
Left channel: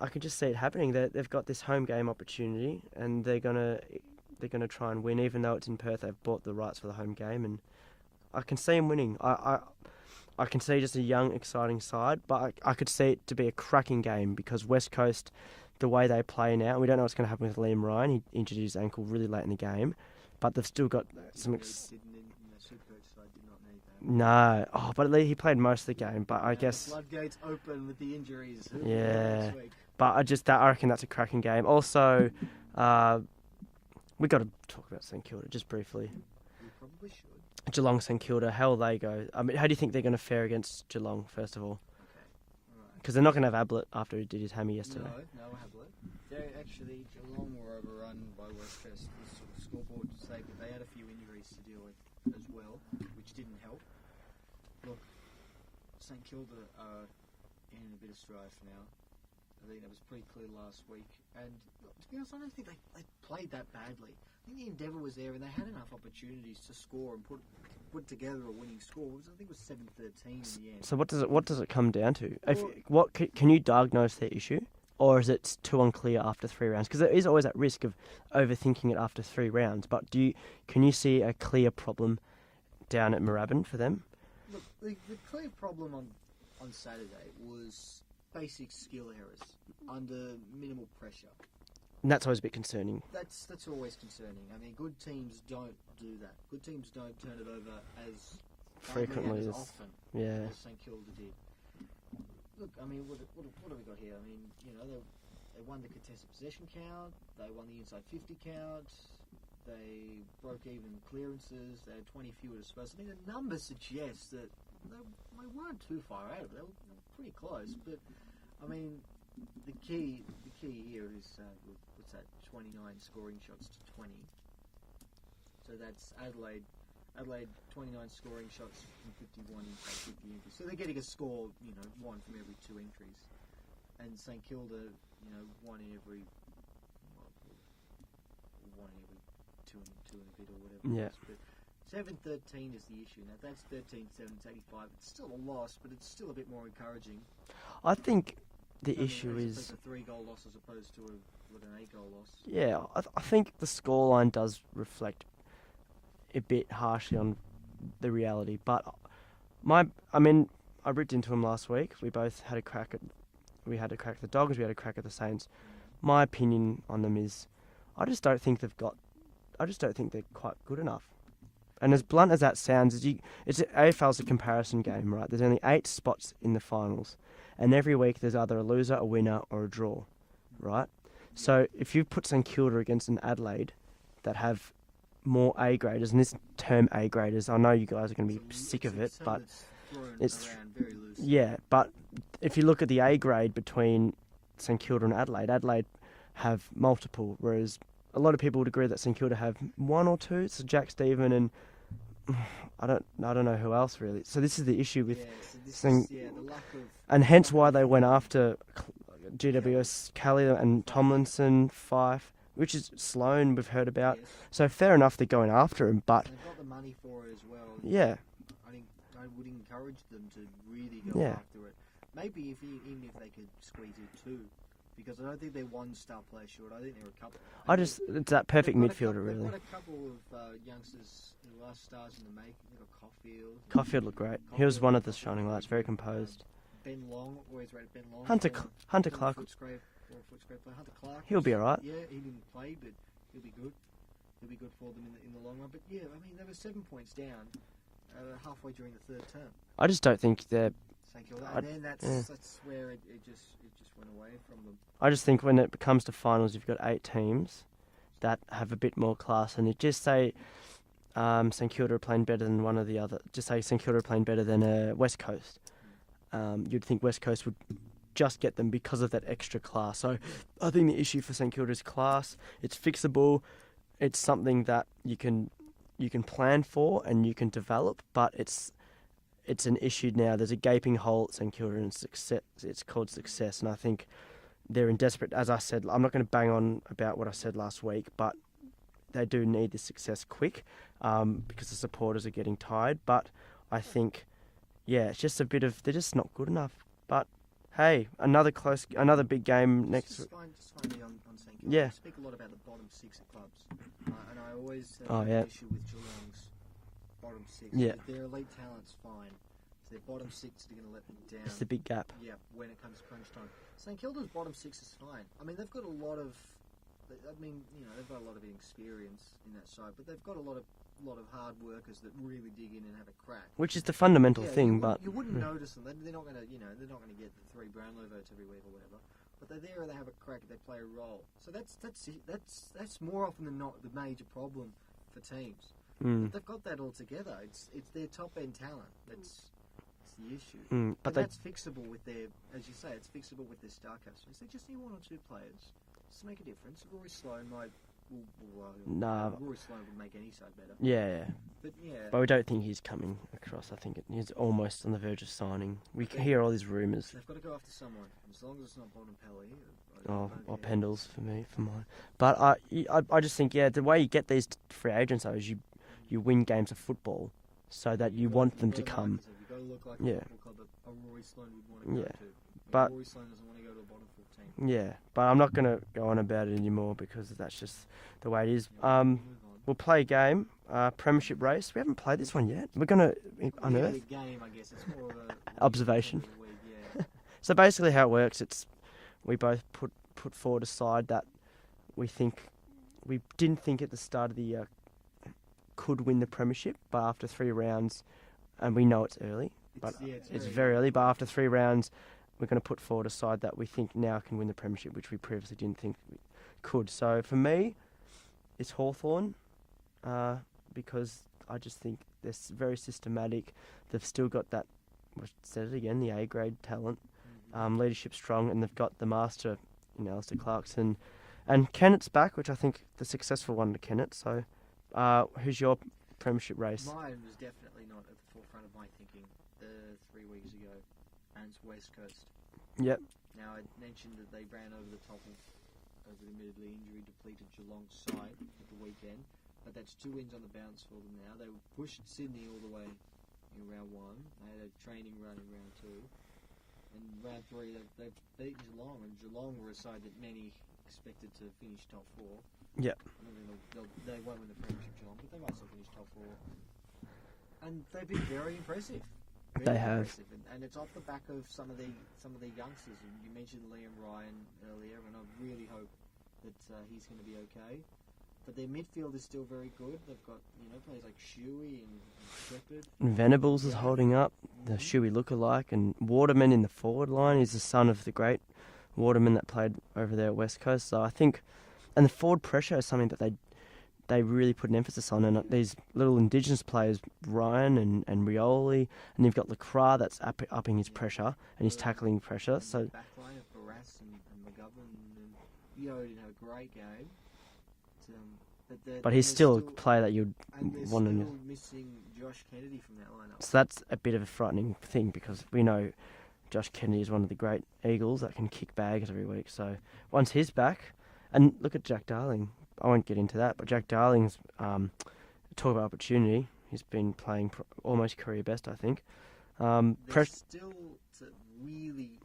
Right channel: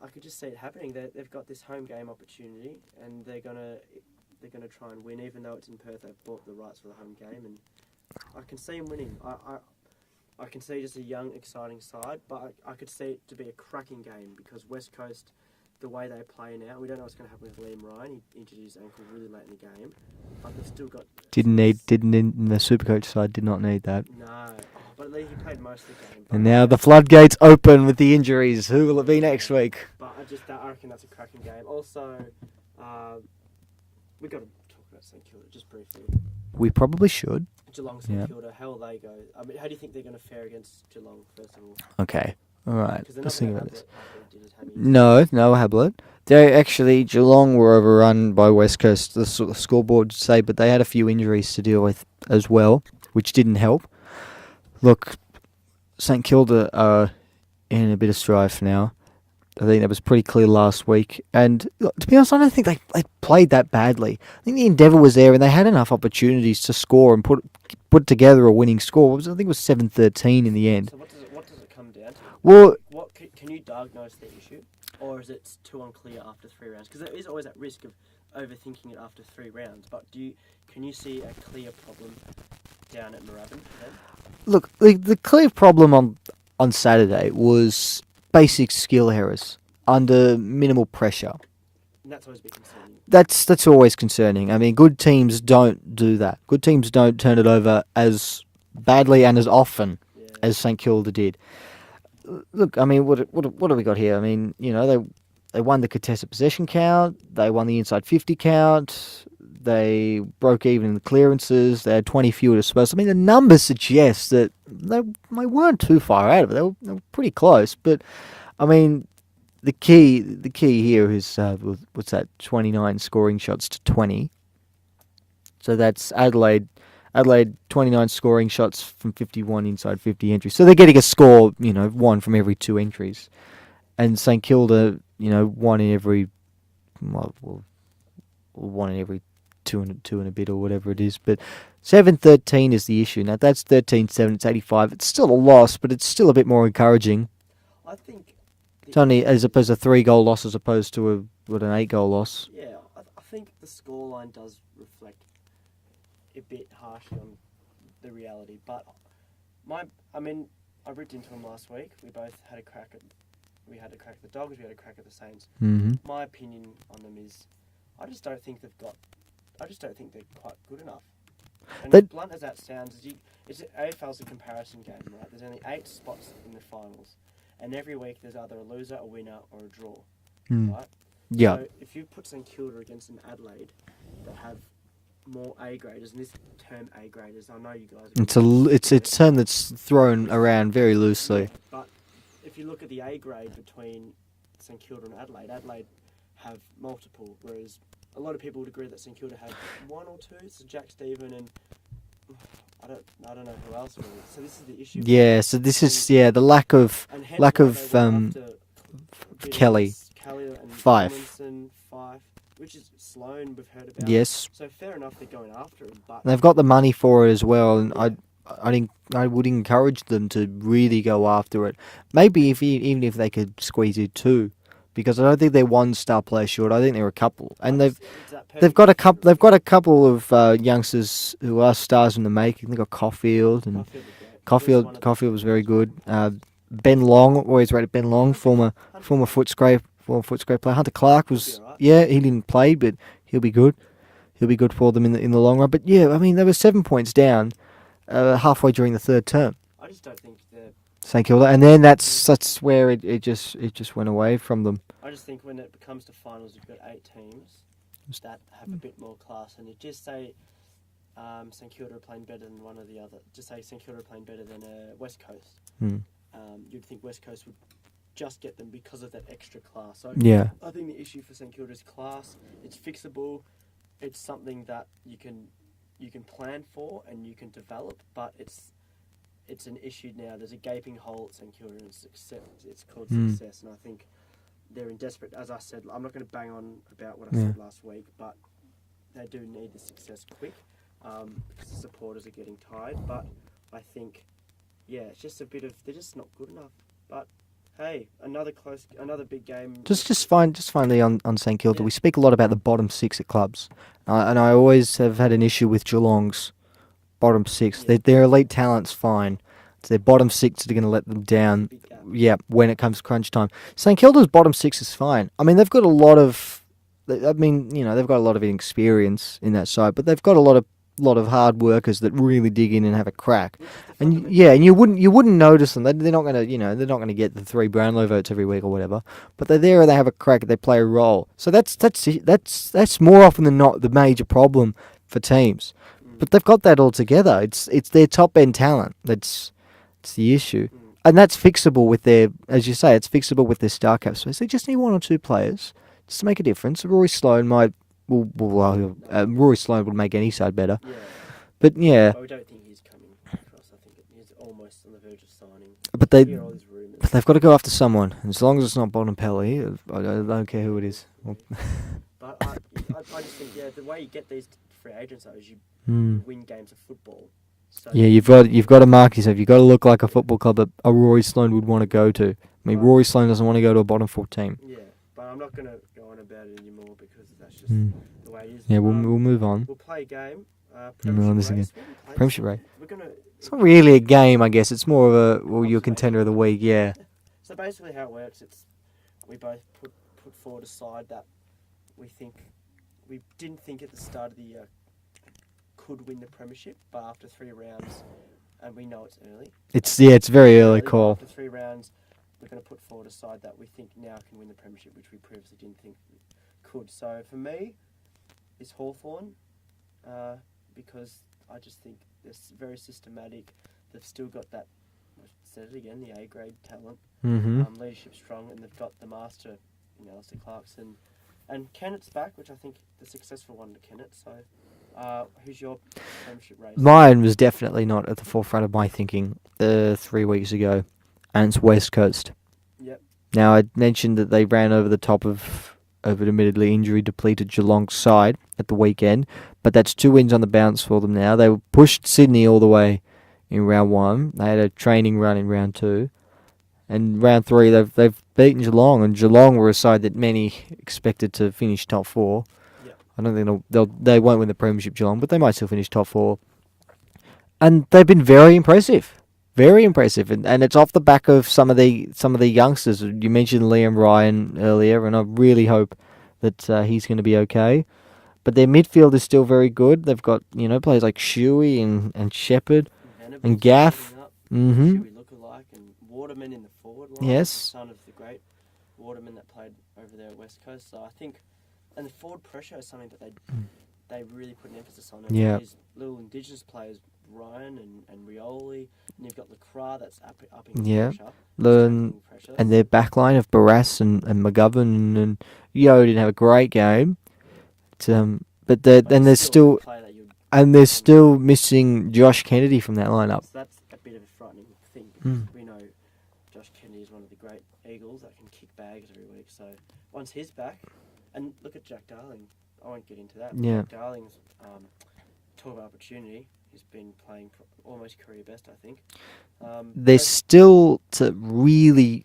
I can just see it happening. They've got this home game opportunity, and they're gonna try and win, even though it's in Perth. They've bought the rights for the home game, and I can see them winning. I can see just a young, exciting side, but I could see it to be a cracking game, because West Coast, the way they play now, we don't know what's going to happen with Liam Ryan. He injured his ankle really late in the game, but they've still got Didn't in the Supercoach side did not need that. No. Oh, but he played most of the game. But And I now the guess- floodgates open with the injuries. Who will it be Yeah. next week? But I reckon that's a cracking game. Also, we got to talk about St Kilda just briefly. We probably should. Geelong, St Yeah. Kilda, how will they go? I mean, how do you think they're going to fare against Geelong, first of all? Okay. All right. Because they're not Let's going to see have what it Ablett after he did his hammy is. yesterday. No Hablett. They actually, Geelong were overrun by West Coast, the scoreboard say, but they had a few injuries to deal with as well, which didn't help. Look, St Kilda are in a bit of strife now. I think that was pretty clear last week. And look, to be honest, I don't think they played that badly. I think the endeavour was there, and they had enough opportunities to score and put together a winning score. I think it was 7-13 in the end. So what does it come down to? Well- Can you diagnose the issue, or is it too unclear after 3 rounds? Because there is always that risk of overthinking it after 3 rounds. But can you see a clear problem down at Moorabbin for them? Look, the clear problem on Saturday was basic skill errors. under minimal pressure. And that's always a bit concerning. That's always concerning. I mean, good teams don't do that. Good teams don't turn it over as badly and as often as St Kilda did. Look, I mean, what have we got here? I mean, they won the contested possession count. They won the inside 50 count. They broke even in the clearances. They had 20 fewer disposals. I mean, the numbers suggest that they weren't too far out of it. They were pretty close. But, I mean, the key here is, what's that, 29 scoring shots to 20. So that's Adelaide 29 scoring shots from 51 inside 50 entries. So they're getting a score, one from every 2 entries. And St Kilda, one in every two and a bit or whatever it is. But 7-13 is the issue. Now that's 13-7. It's 85. It's still a loss, but it's still a bit more encouraging. I think it's only as opposed to a 3-goal loss as opposed to an 8-goal loss. Yeah, I think the scoreline does reflect a bit harshly on the reality. But I ripped into him last week. We both had a crack at. We had a crack at the Dogs. We had a crack at the Saints. Mm-hmm. My opinion on them is, I just don't think they're quite good enough. And as blunt as that sounds, AFL's a comparison game, right? There's only 8 spots in the finals, and every week there's either a loser, a winner, or a draw, right? Yeah. So if you put St Kilda against an Adelaide that have more A graders, and this term A graders, I know you guys are going to it's a term that's thrown around very loosely. Yeah, but if you look at the A grade between St Kilda and Adelaide have multiple, whereas a lot of people would agree that St Kilda have 1 or 2. So Jack Stephen and I don't know who else really. So this is the issue. Yeah. So this is the lack of and hence lack why of, they went after Kelly and Fife. Tomlinson, Fife, which is Sloan we've heard about. Yes. So fair enough, they're going after him, but they've got the money for it as well, and yeah. I would encourage them to really go after it. Maybe even if they could squeeze in 2, because I don't think they're 1 star player short. I think they're a couple, and they've got a couple of youngsters who are stars in the making. They've got Caulfield. And Caulfield looked great. Caulfield was very good. Ben Long, always rated Ben Long, former Footscray player. Hunter Clark was, he'll be all right. Yeah, he didn't play, but he'll be good. He'll be good for them in the long run. But yeah, I mean, they were 7 points down halfway during the third term. I just don't think they're St Kilda, and then that's where it just went away from them. I just think when it comes to finals, you've got 8 teams that have a bit more class, and it just say St Kilda are playing better than one or the other. Just say St Kilda are playing better than West Coast. You'd think West Coast would just get them because of that extra class. So yeah, I think the issue for St Kilda is class. It's fixable. It's something that you can plan for and you can develop, but it's an issue now. There's a gaping hole at St Kilda, and it's called success. And I think they're in desperate. As I said, I'm not going to bang on about what I said last week, but they do need the success quick because the supporters are getting tired. But I think, it's just a bit of they're just not good enough. But hey, another big game. Finally on St Kilda, Yeah. we speak a lot about the bottom 6 at clubs, and I always have had an issue with Geelong's bottom 6. Yeah. Their elite talent's fine. It's their bottom 6 that are going to let them down. It's a big gap. Yeah, when it comes crunch time. St Kilda's bottom 6 is fine. I mean, they've got a lot of. They've got a lot of experience in that side, but they've got a lot of hard workers that really dig in and have a crack. Which is the fundamental. And you wouldn't notice them. They're not going to they're not going to get the 3 Brownlow votes every week or whatever. But they're there and they have a crack. They play a role. So that's more often than not the major problem for teams. But they've got that all together. It's their top end talent. It's the issue, and that's fixable with their, as you say, it's fixable with their star cap space. They just need 1 or 2 players just to make a difference. Rory Sloane Rory Sloane would make any side better. Yeah. But yeah. Well, we don't think he's coming across. I think he's almost on the verge of signing. But they hear all these rumours. But they've got to go after someone. As long as it's not Bontempelli, I don't care who it is. For me. But I just think the way you get these free agents though is you win games of football. So you've got to mark yourself. You've got to look like a football club that a Rory Sloane would want to go to. I mean, Rory Sloane doesn't want to go to a bottom 4 team. Yeah, but I'm not going to go on about it anymore because that's just the way it is. Yeah, we'll move on. We'll play a game, Premiership Race. We haven't played this one yet. We're gonna. It's not really a game, I guess. It's more of your contender of the week. Yeah. So basically, how it works, it's we both put forward a side that we didn't think at the start of the year could win the premiership, but after 3 rounds, and we know it's early. It's very early but call. after 3 rounds, we're going to put forward a side that we think now can win the premiership, which we previously didn't think could. So for me, it's Hawthorn, because I just think they're very systematic. They've still got that, we said it again, the A-grade talent, leadership strong, and they've got the master in Alistair Clarkson. And Kennett's back, which I think the successful one to Kennett. So who's your premiership race? Mine was definitely not at the forefront of my thinking 3 weeks ago, and it's West Coast. Yep. Now, I mentioned that they ran over the top of an admittedly injury-depleted Geelong side at the weekend, but that's 2 wins on the bounce for them now. They pushed Sydney all the way in round 1. They had a training run in round 2. And round 3, they've beaten Geelong, and Geelong were a side that many expected to finish top 4. Yep. I don't think they won't win the premiership, Geelong, but they might still finish top 4. And they've been very impressive. Very impressive, and it's off the back of some of the youngsters. You mentioned Liam Ryan earlier, and I really hope that he's going to be okay. But their midfield is still very good. They've got players like Shuey and Shepherd and Venables and Gaff. holding up. Mm-hmm. Shuey lookalike, and Waterman in the forward line. Yes. As the son of the great Waterman that played over there at West Coast. So I think, and the forward pressure is something that they really put an emphasis on. And these little Indigenous players, Ryan and Rioli, and you've got Lacroix that's upping his pressure, and he's tackling pressure. And their backline of Barras and McGovern and Yo didn't have a great game. But they're still player that you'd and they're still missing Josh Kennedy from that lineup. So that's a bit of a frightening thing because we know Josh Kennedy is one of the great Eagles that can kick bags every week. So once he's back, and look at Jack Darling. I won't get into that, but Jack Darling's talk about opportunity. He's been playing almost career best, I think. There's still to really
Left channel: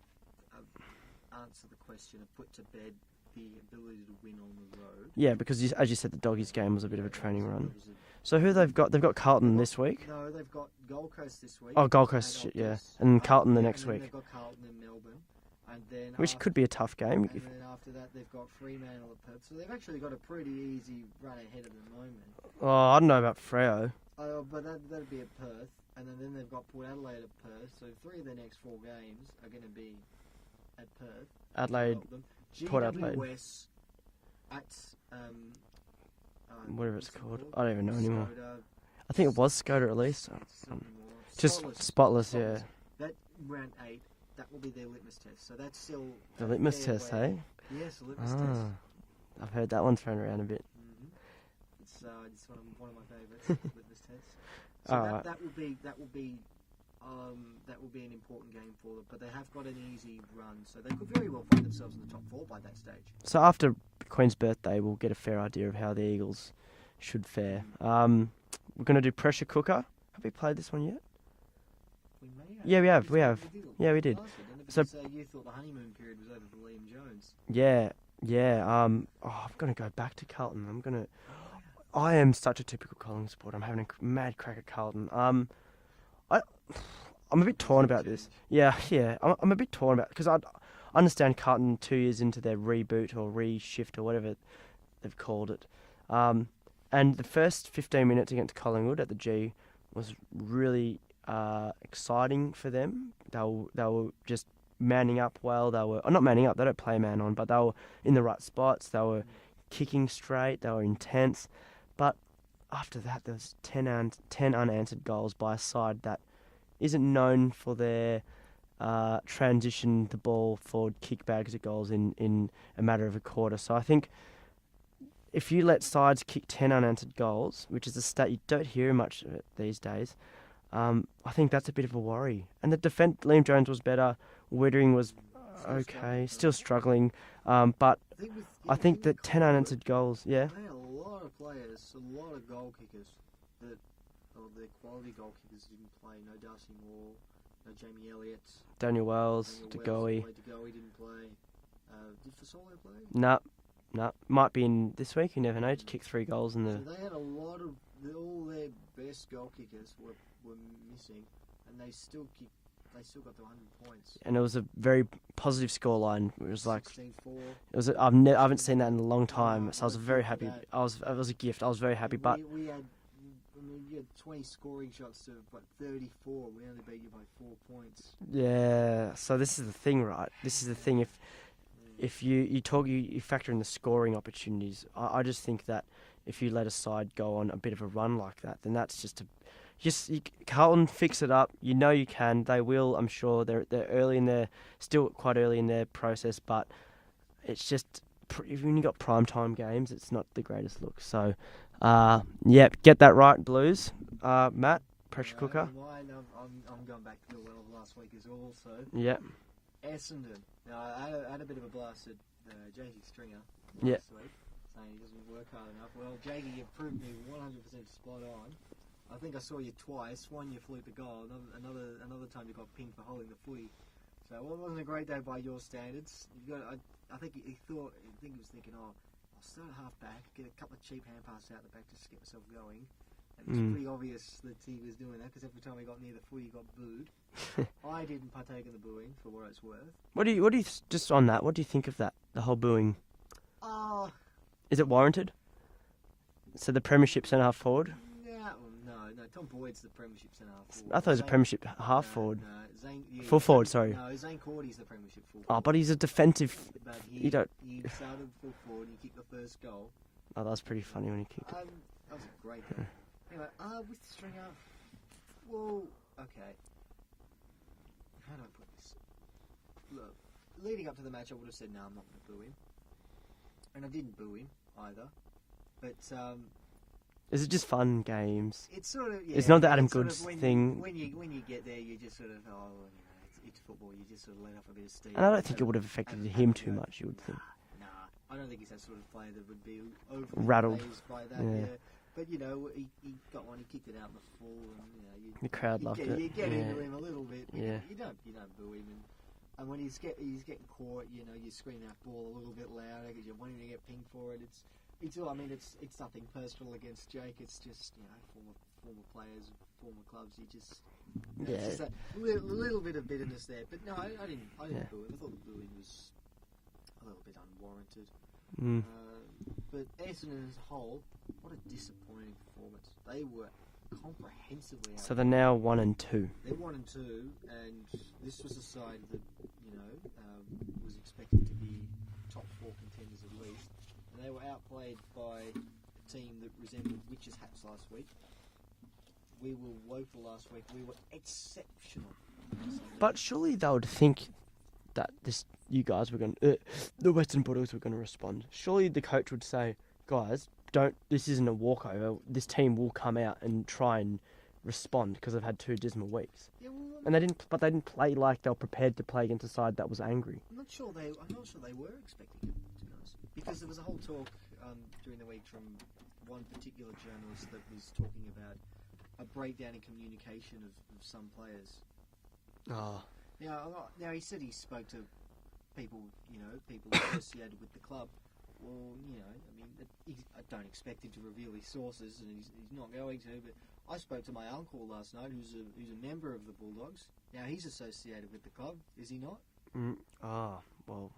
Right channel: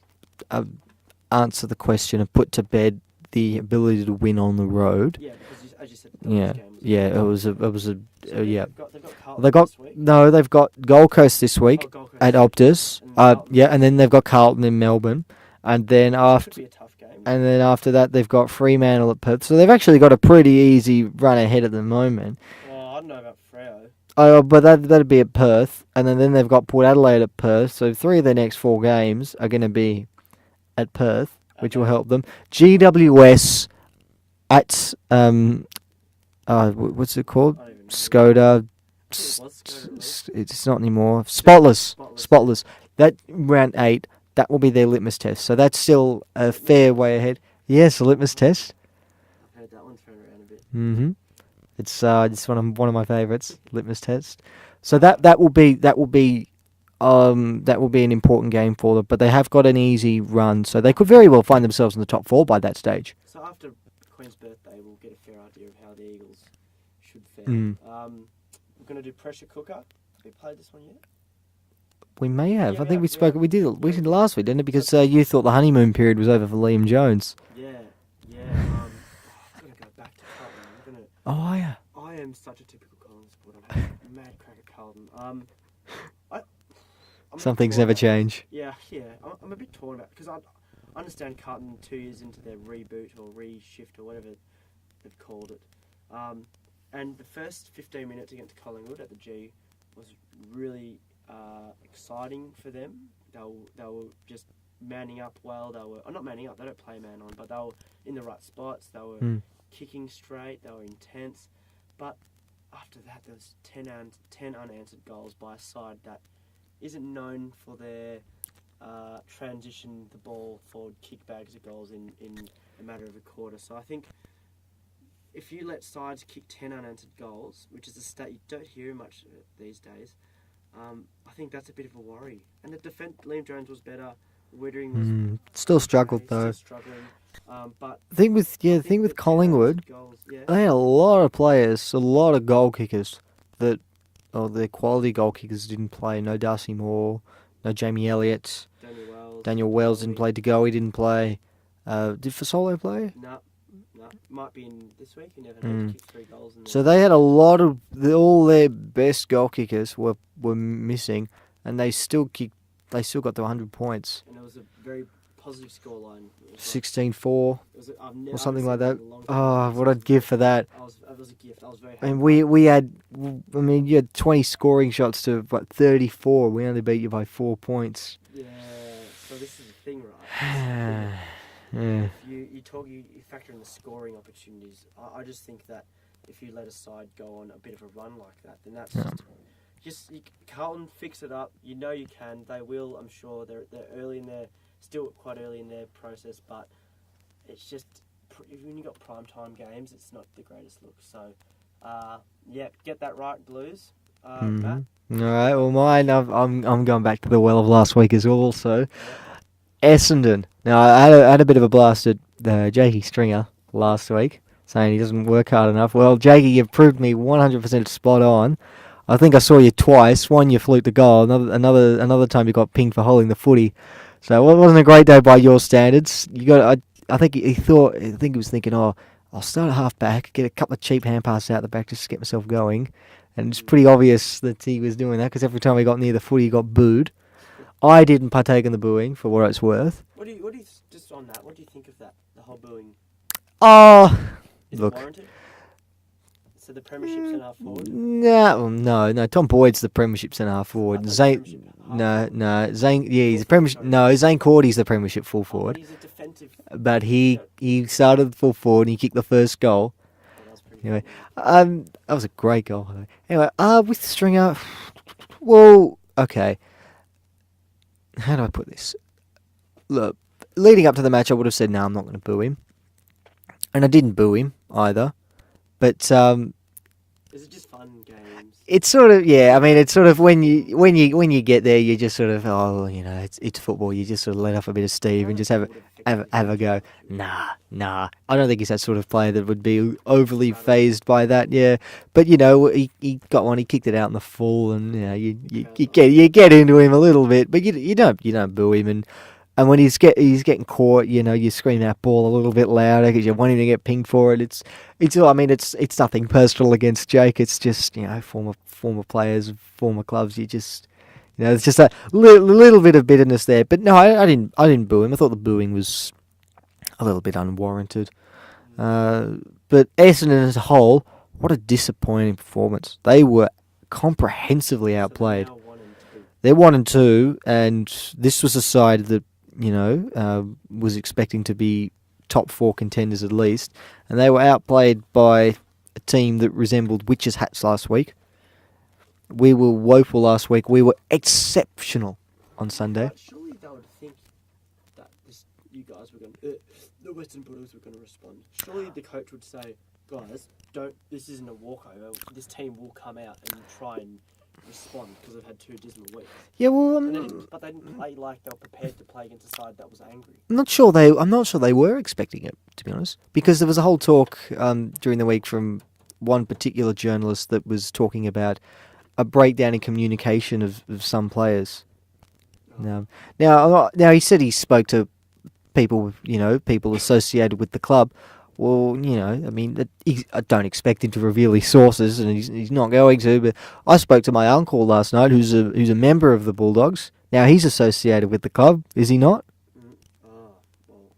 answer the question and put to bed the ability to win on the road. Yeah, because as you said, the Dodgers game was So who they've got Carlton this week. No, they've got Gold Coast this week. Oh, Gold Coast at Optus. And then they've got Carlton in Melbourne. And then which could be a tough game. And then after that, they've got Fremantle at Perth. So they've actually got a pretty easy run ahead at the moment. Oh, I don't know about Freo. Oh, but that'd be at Perth. And then they've got Port Adelaide at Perth. So 3 of their next 4 games are going to be at Perth, which will help them. GWS at, what's it called? I don't even know. Skoda. I think it was Skoda at least. It's not anymore. Spotless. Yeah. That round 8. That will be their litmus test. So that's still a fair way ahead. Yes, a litmus test. I've heard that one thrown around a bit. Mm-hmm. It's one of my favourites, litmus test. So that will be an important game for them. But they have got an easy run, so they could very well find themselves in the top 4 by that stage. So after Queen's birthday, we'll get a fair idea of how the Eagles should fare. We're going to do pressure cooker. Have we played this one yet? We may have. Yeah, I think we spoke. We did last week, didn't it? Because So, you thought the honeymoon period was over for Liam Jones. Yeah. I'm going to go back to Carlton. Oh yeah. I am such a typical Collingwood supporter. I'm having a mad crack at Carlton. I'm Some things never change. Yeah. I'm a bit torn about because I understand Carlton 2 years into their reboot or reshift or whatever they've called it, and the first 15 minutes against Collingwood at the G was really exciting for them. They were just manning up well. They were not manning up. They don't play man on, but they were in the right spots. They were kicking straight. They were intense. But after that, there was 10 unanswered goals by a side that isn't known for their transition the ball forward, kick bags of goals in a matter of a quarter. So I think if you let sides kick 10 unanswered goals, which is a stat you don't hear much of it these days, I think that's a bit of a worry. And the defense, Liam Jones was better. Wittering was still struggled though. Still struggling. But I think with Collingwood, goals, they had a lot of players, a lot of goal kickers that, their quality goal kickers didn't play. No Darcy Moore, no Jamie Elliott, Daniel Wells didn't play. De Goey didn't play. Did Fasolo play? No. Might be in this week. You never know. To kick 3 goals. So they had a lot of all their best goal kickers were missing, and they still got the 100 points. And it was a very positive scoreline. It was like 16-4. it was. I haven't seen that in a long time. Oh, what a gift for that! It was a gift. I was very happy. And we had, I mean, you had 20 scoring shots to 34. We only beat you by 4 points. Yeah. So this is the thing, right? This is the thing. If you factor in the scoring opportunities, I just think that if you let a side go on a bit of a run like that, then that's Carlton fix it up. You know you can. They will. I'm sure they're early in their, still quite early in their process, but it's just when you got prime time games, it's not the greatest look. So, get that right, Blues. Matt. All right. Well, mine. I'm going back to the well of last week as well. So, Yep. Essendon. Now I had a bit of a blast at Jakey Stringer last week, saying he doesn't work hard enough. Well, Jakey, you've proved me 100% spot on. I think I saw you twice. One, you fluked the goal. Another time you got pinged for holding the footy. So it wasn't a great day by your standards. You got. I think he was thinking, oh, I'll start at half back, get a couple of cheap hand passes out the back just to get myself going. And it's pretty obvious that he was doing that because every time he got near the footy, he got booed. I didn't partake in the booing for what it's worth. What do you just on that? What do you think of that? The whole booing. Oh, is it warranted? So the Premiership centre half forward? No. Tom Boyd's the Premiership centre half forward. I thought Premiership half forward. No, Zane. Yeah, he's full the forward, Premiership. No, Zane Cordy's the Premiership full forward. But he's a defensive. But he started full forward and he kicked the first goal. Oh, that was pretty anyway, funny. That was a great goal. Anyway, with Stringer, well, okay. How do I put this? Look, leading up to the match, I would have said, no, I'm not going to boo him. And I didn't boo him either. But is it just fun games? It's sort of, yeah. I mean, it's sort of when you get there, you just sort of, it's football. You just sort of let off a bit of steam and just have a go. Nah. I don't think he's that sort of player that would be overly fazed by that. Yeah, but he got one. He kicked it out in the full, and you get into him a little bit, but you don't boo him. And when he's getting caught, you scream that ball a little bit louder because you want him to get pinged for it. It's nothing personal against Jake. It's just former players, former clubs. You just it's just a little bit of bitterness there. But no, I didn't boo him. I thought the booing was a little bit unwarranted. But Essendon as a whole, what a disappointing performance. They were comprehensively outplayed. So they're now 1-2. They're 1-2, and this was a side that was expecting to be top 4 contenders at least, and they were outplayed by a team that resembled witches' hats last week. We were woeful last week. We were exceptional on Sunday. But surely they would think that you guys were going the Western Bulldogs were going to respond. Surely the coach would say, guys, this isn't a walkover. This team will come out and try and respond because they've had 2 dismal weeks. Yeah, well, and they didn't play like they were prepared to play against a side that was angry. I'm not sure they were expecting it, to be honest, because there was a whole talk during the week from one particular journalist that was talking about a breakdown in communication of some players. Oh. Now he said he spoke to people associated with the club. Well, I mean, I don't expect him to reveal his sources, and he's not going to. But I spoke to my uncle last night, who's a member of the Bulldogs. Now he's associated with the club, is he not? Well,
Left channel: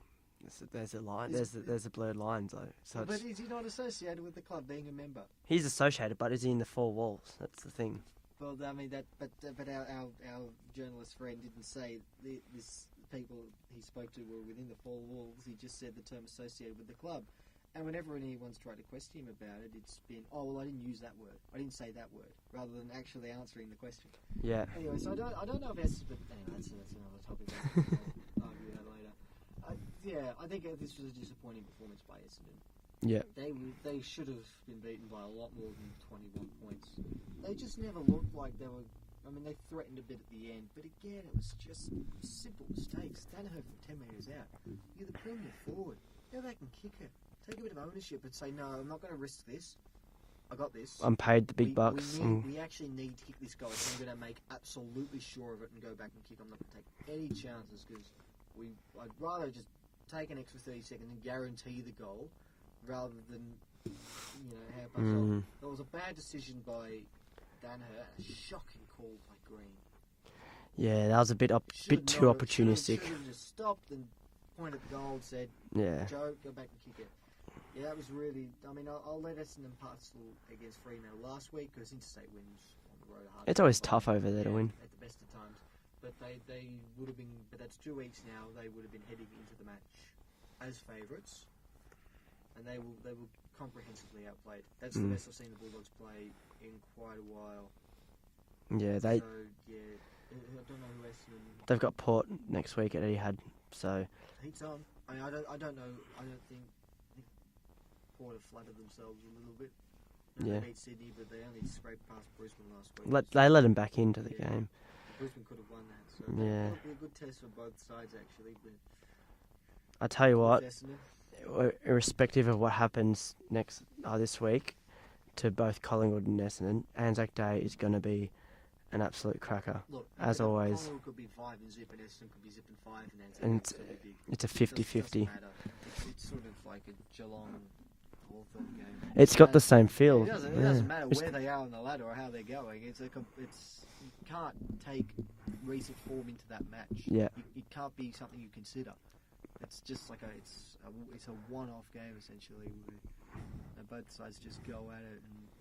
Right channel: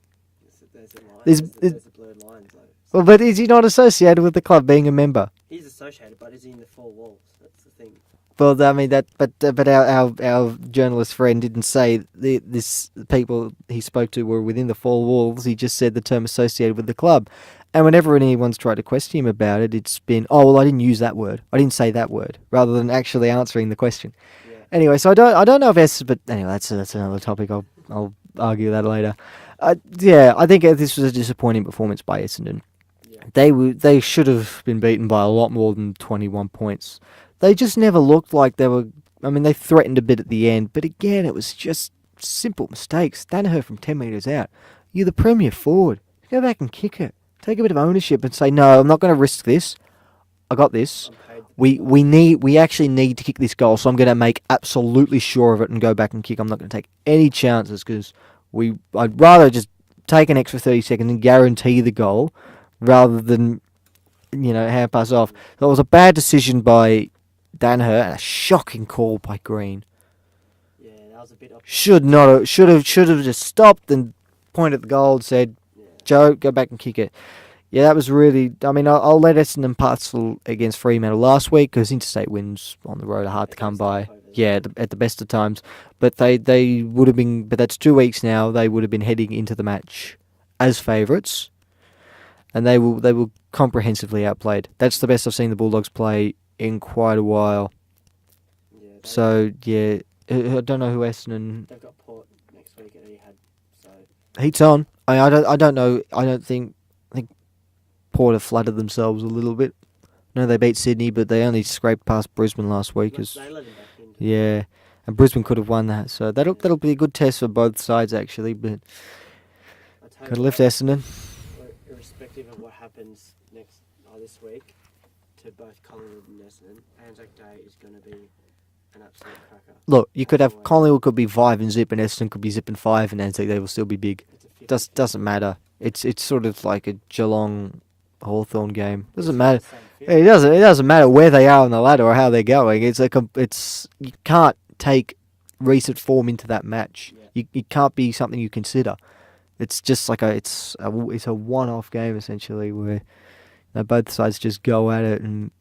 there's a line. There's a blurred line, though. So. Well, but is he not associated with the club, being a member? He's associated, but is he in the 4 walls? That's the thing. Well, I mean but our journalist friend didn't say this people he spoke to were within the 4 walls. He just said the term associated with the club, and whenever anyone's tried to question him about it, it's been, oh well, I didn't use that word, I didn't say that word, rather than actually answering the question. Yeah. Anyway, so I don't know if but anyway, that's another topic. I'll argue that later. I think this was a disappointing performance by Essendon. Yeah. They should have been beaten by a lot more than 21 points. They just never looked like they were. I mean, they threatened a bit at the end, but again, it was just simple mistakes. Danaher from 10 metres out. You're the premier forward. Go back and kick it. Take a bit of ownership and say, no, I'm not going to risk this. I got this. I'm paid the big bucks. We actually need to kick this goal, so I'm going to make absolutely sure of it and go back and kick. I'm not going to take any chances because I'd rather just take an extra 30 seconds and guarantee the goal rather than hand pass off. So it was a bad decision by Danaher and a shocking call by Green. Yeah, that was a bit up. Should bit not too have, should have optimistic. just stopped and pointed at the goal and said, Yeah. Joe, go back and kick it. Yeah, that was really. I mean, I'll let Essendon pass against Fremantle last week because interstate wins on the road are hard It's to come always by. tough over there. Yeah, at the best of times. But they would have been. But that's 2 weeks now. They would have been heading into the match as favourites, and they were comprehensively outplayed. That's the best I've seen the Bulldogs play in quite a while. Yeah. So yeah, I don't know who Essendon. They've got Port next week at Etihad, so Heat's on. I don't know. I think Port have flattered themselves a little bit. No, they beat Sydney, but they only scraped past Brisbane last week. they let him back into. Yeah, and Brisbane could have won that. So that'll be a good test for both sides actually. But I tell you it'll what, lift Essendon. irrespective of what happens this week, to both Collingwood and Essendon, Anzac Day is going to be an absolute cracker. Look, you as could have always. Collingwood could be 5 and zip, and Essendon could be zipping 5, and Anzac Day will still be big. It's a 50-50. Doesn't matter. It's sort of like a Geelong Hawthorn game. It's Doesn't got matter. the same feel. It doesn't matter where they are on the ladder or how they're going. It's you can't take recent form into that match. Yeah. It can't be something you consider. It's just like it's a one-off game essentially where both sides just go at it and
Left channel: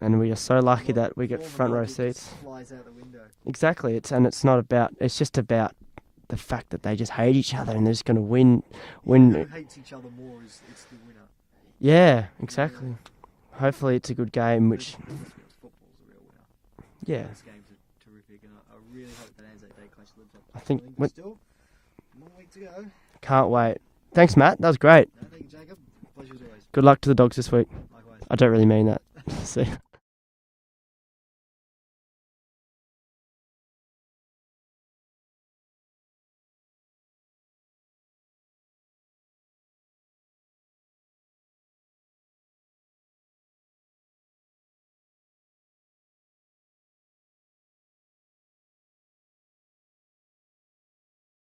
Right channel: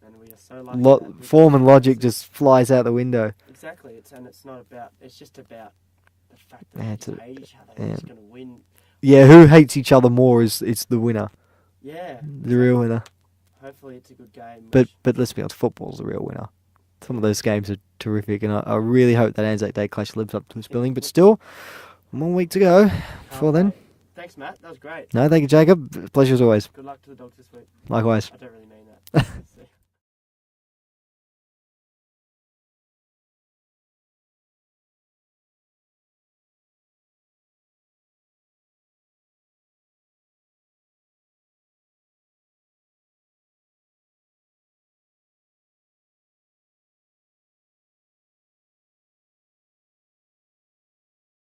And we are so lucky that we get form and front row logic seats. just flies out the window. Exactly. It's not about. It's just about the fact that they just hate each other and they're just going to win. Yeah, who hates each other more is the winner, Yeah, the exactly. real winner. Hopefully, it's a good game. But let's be honest, football's the real winner. Some of those games are terrific, and I really hope that Anzac Day clash lives up to its billing. But still, 1 week to go. Can't for them. wait. Thanks, Matt. That was great. No, thank you, Jacob. Pleasure as always. Good luck to the Dogs this week. Likewise. I don't really mean that. See.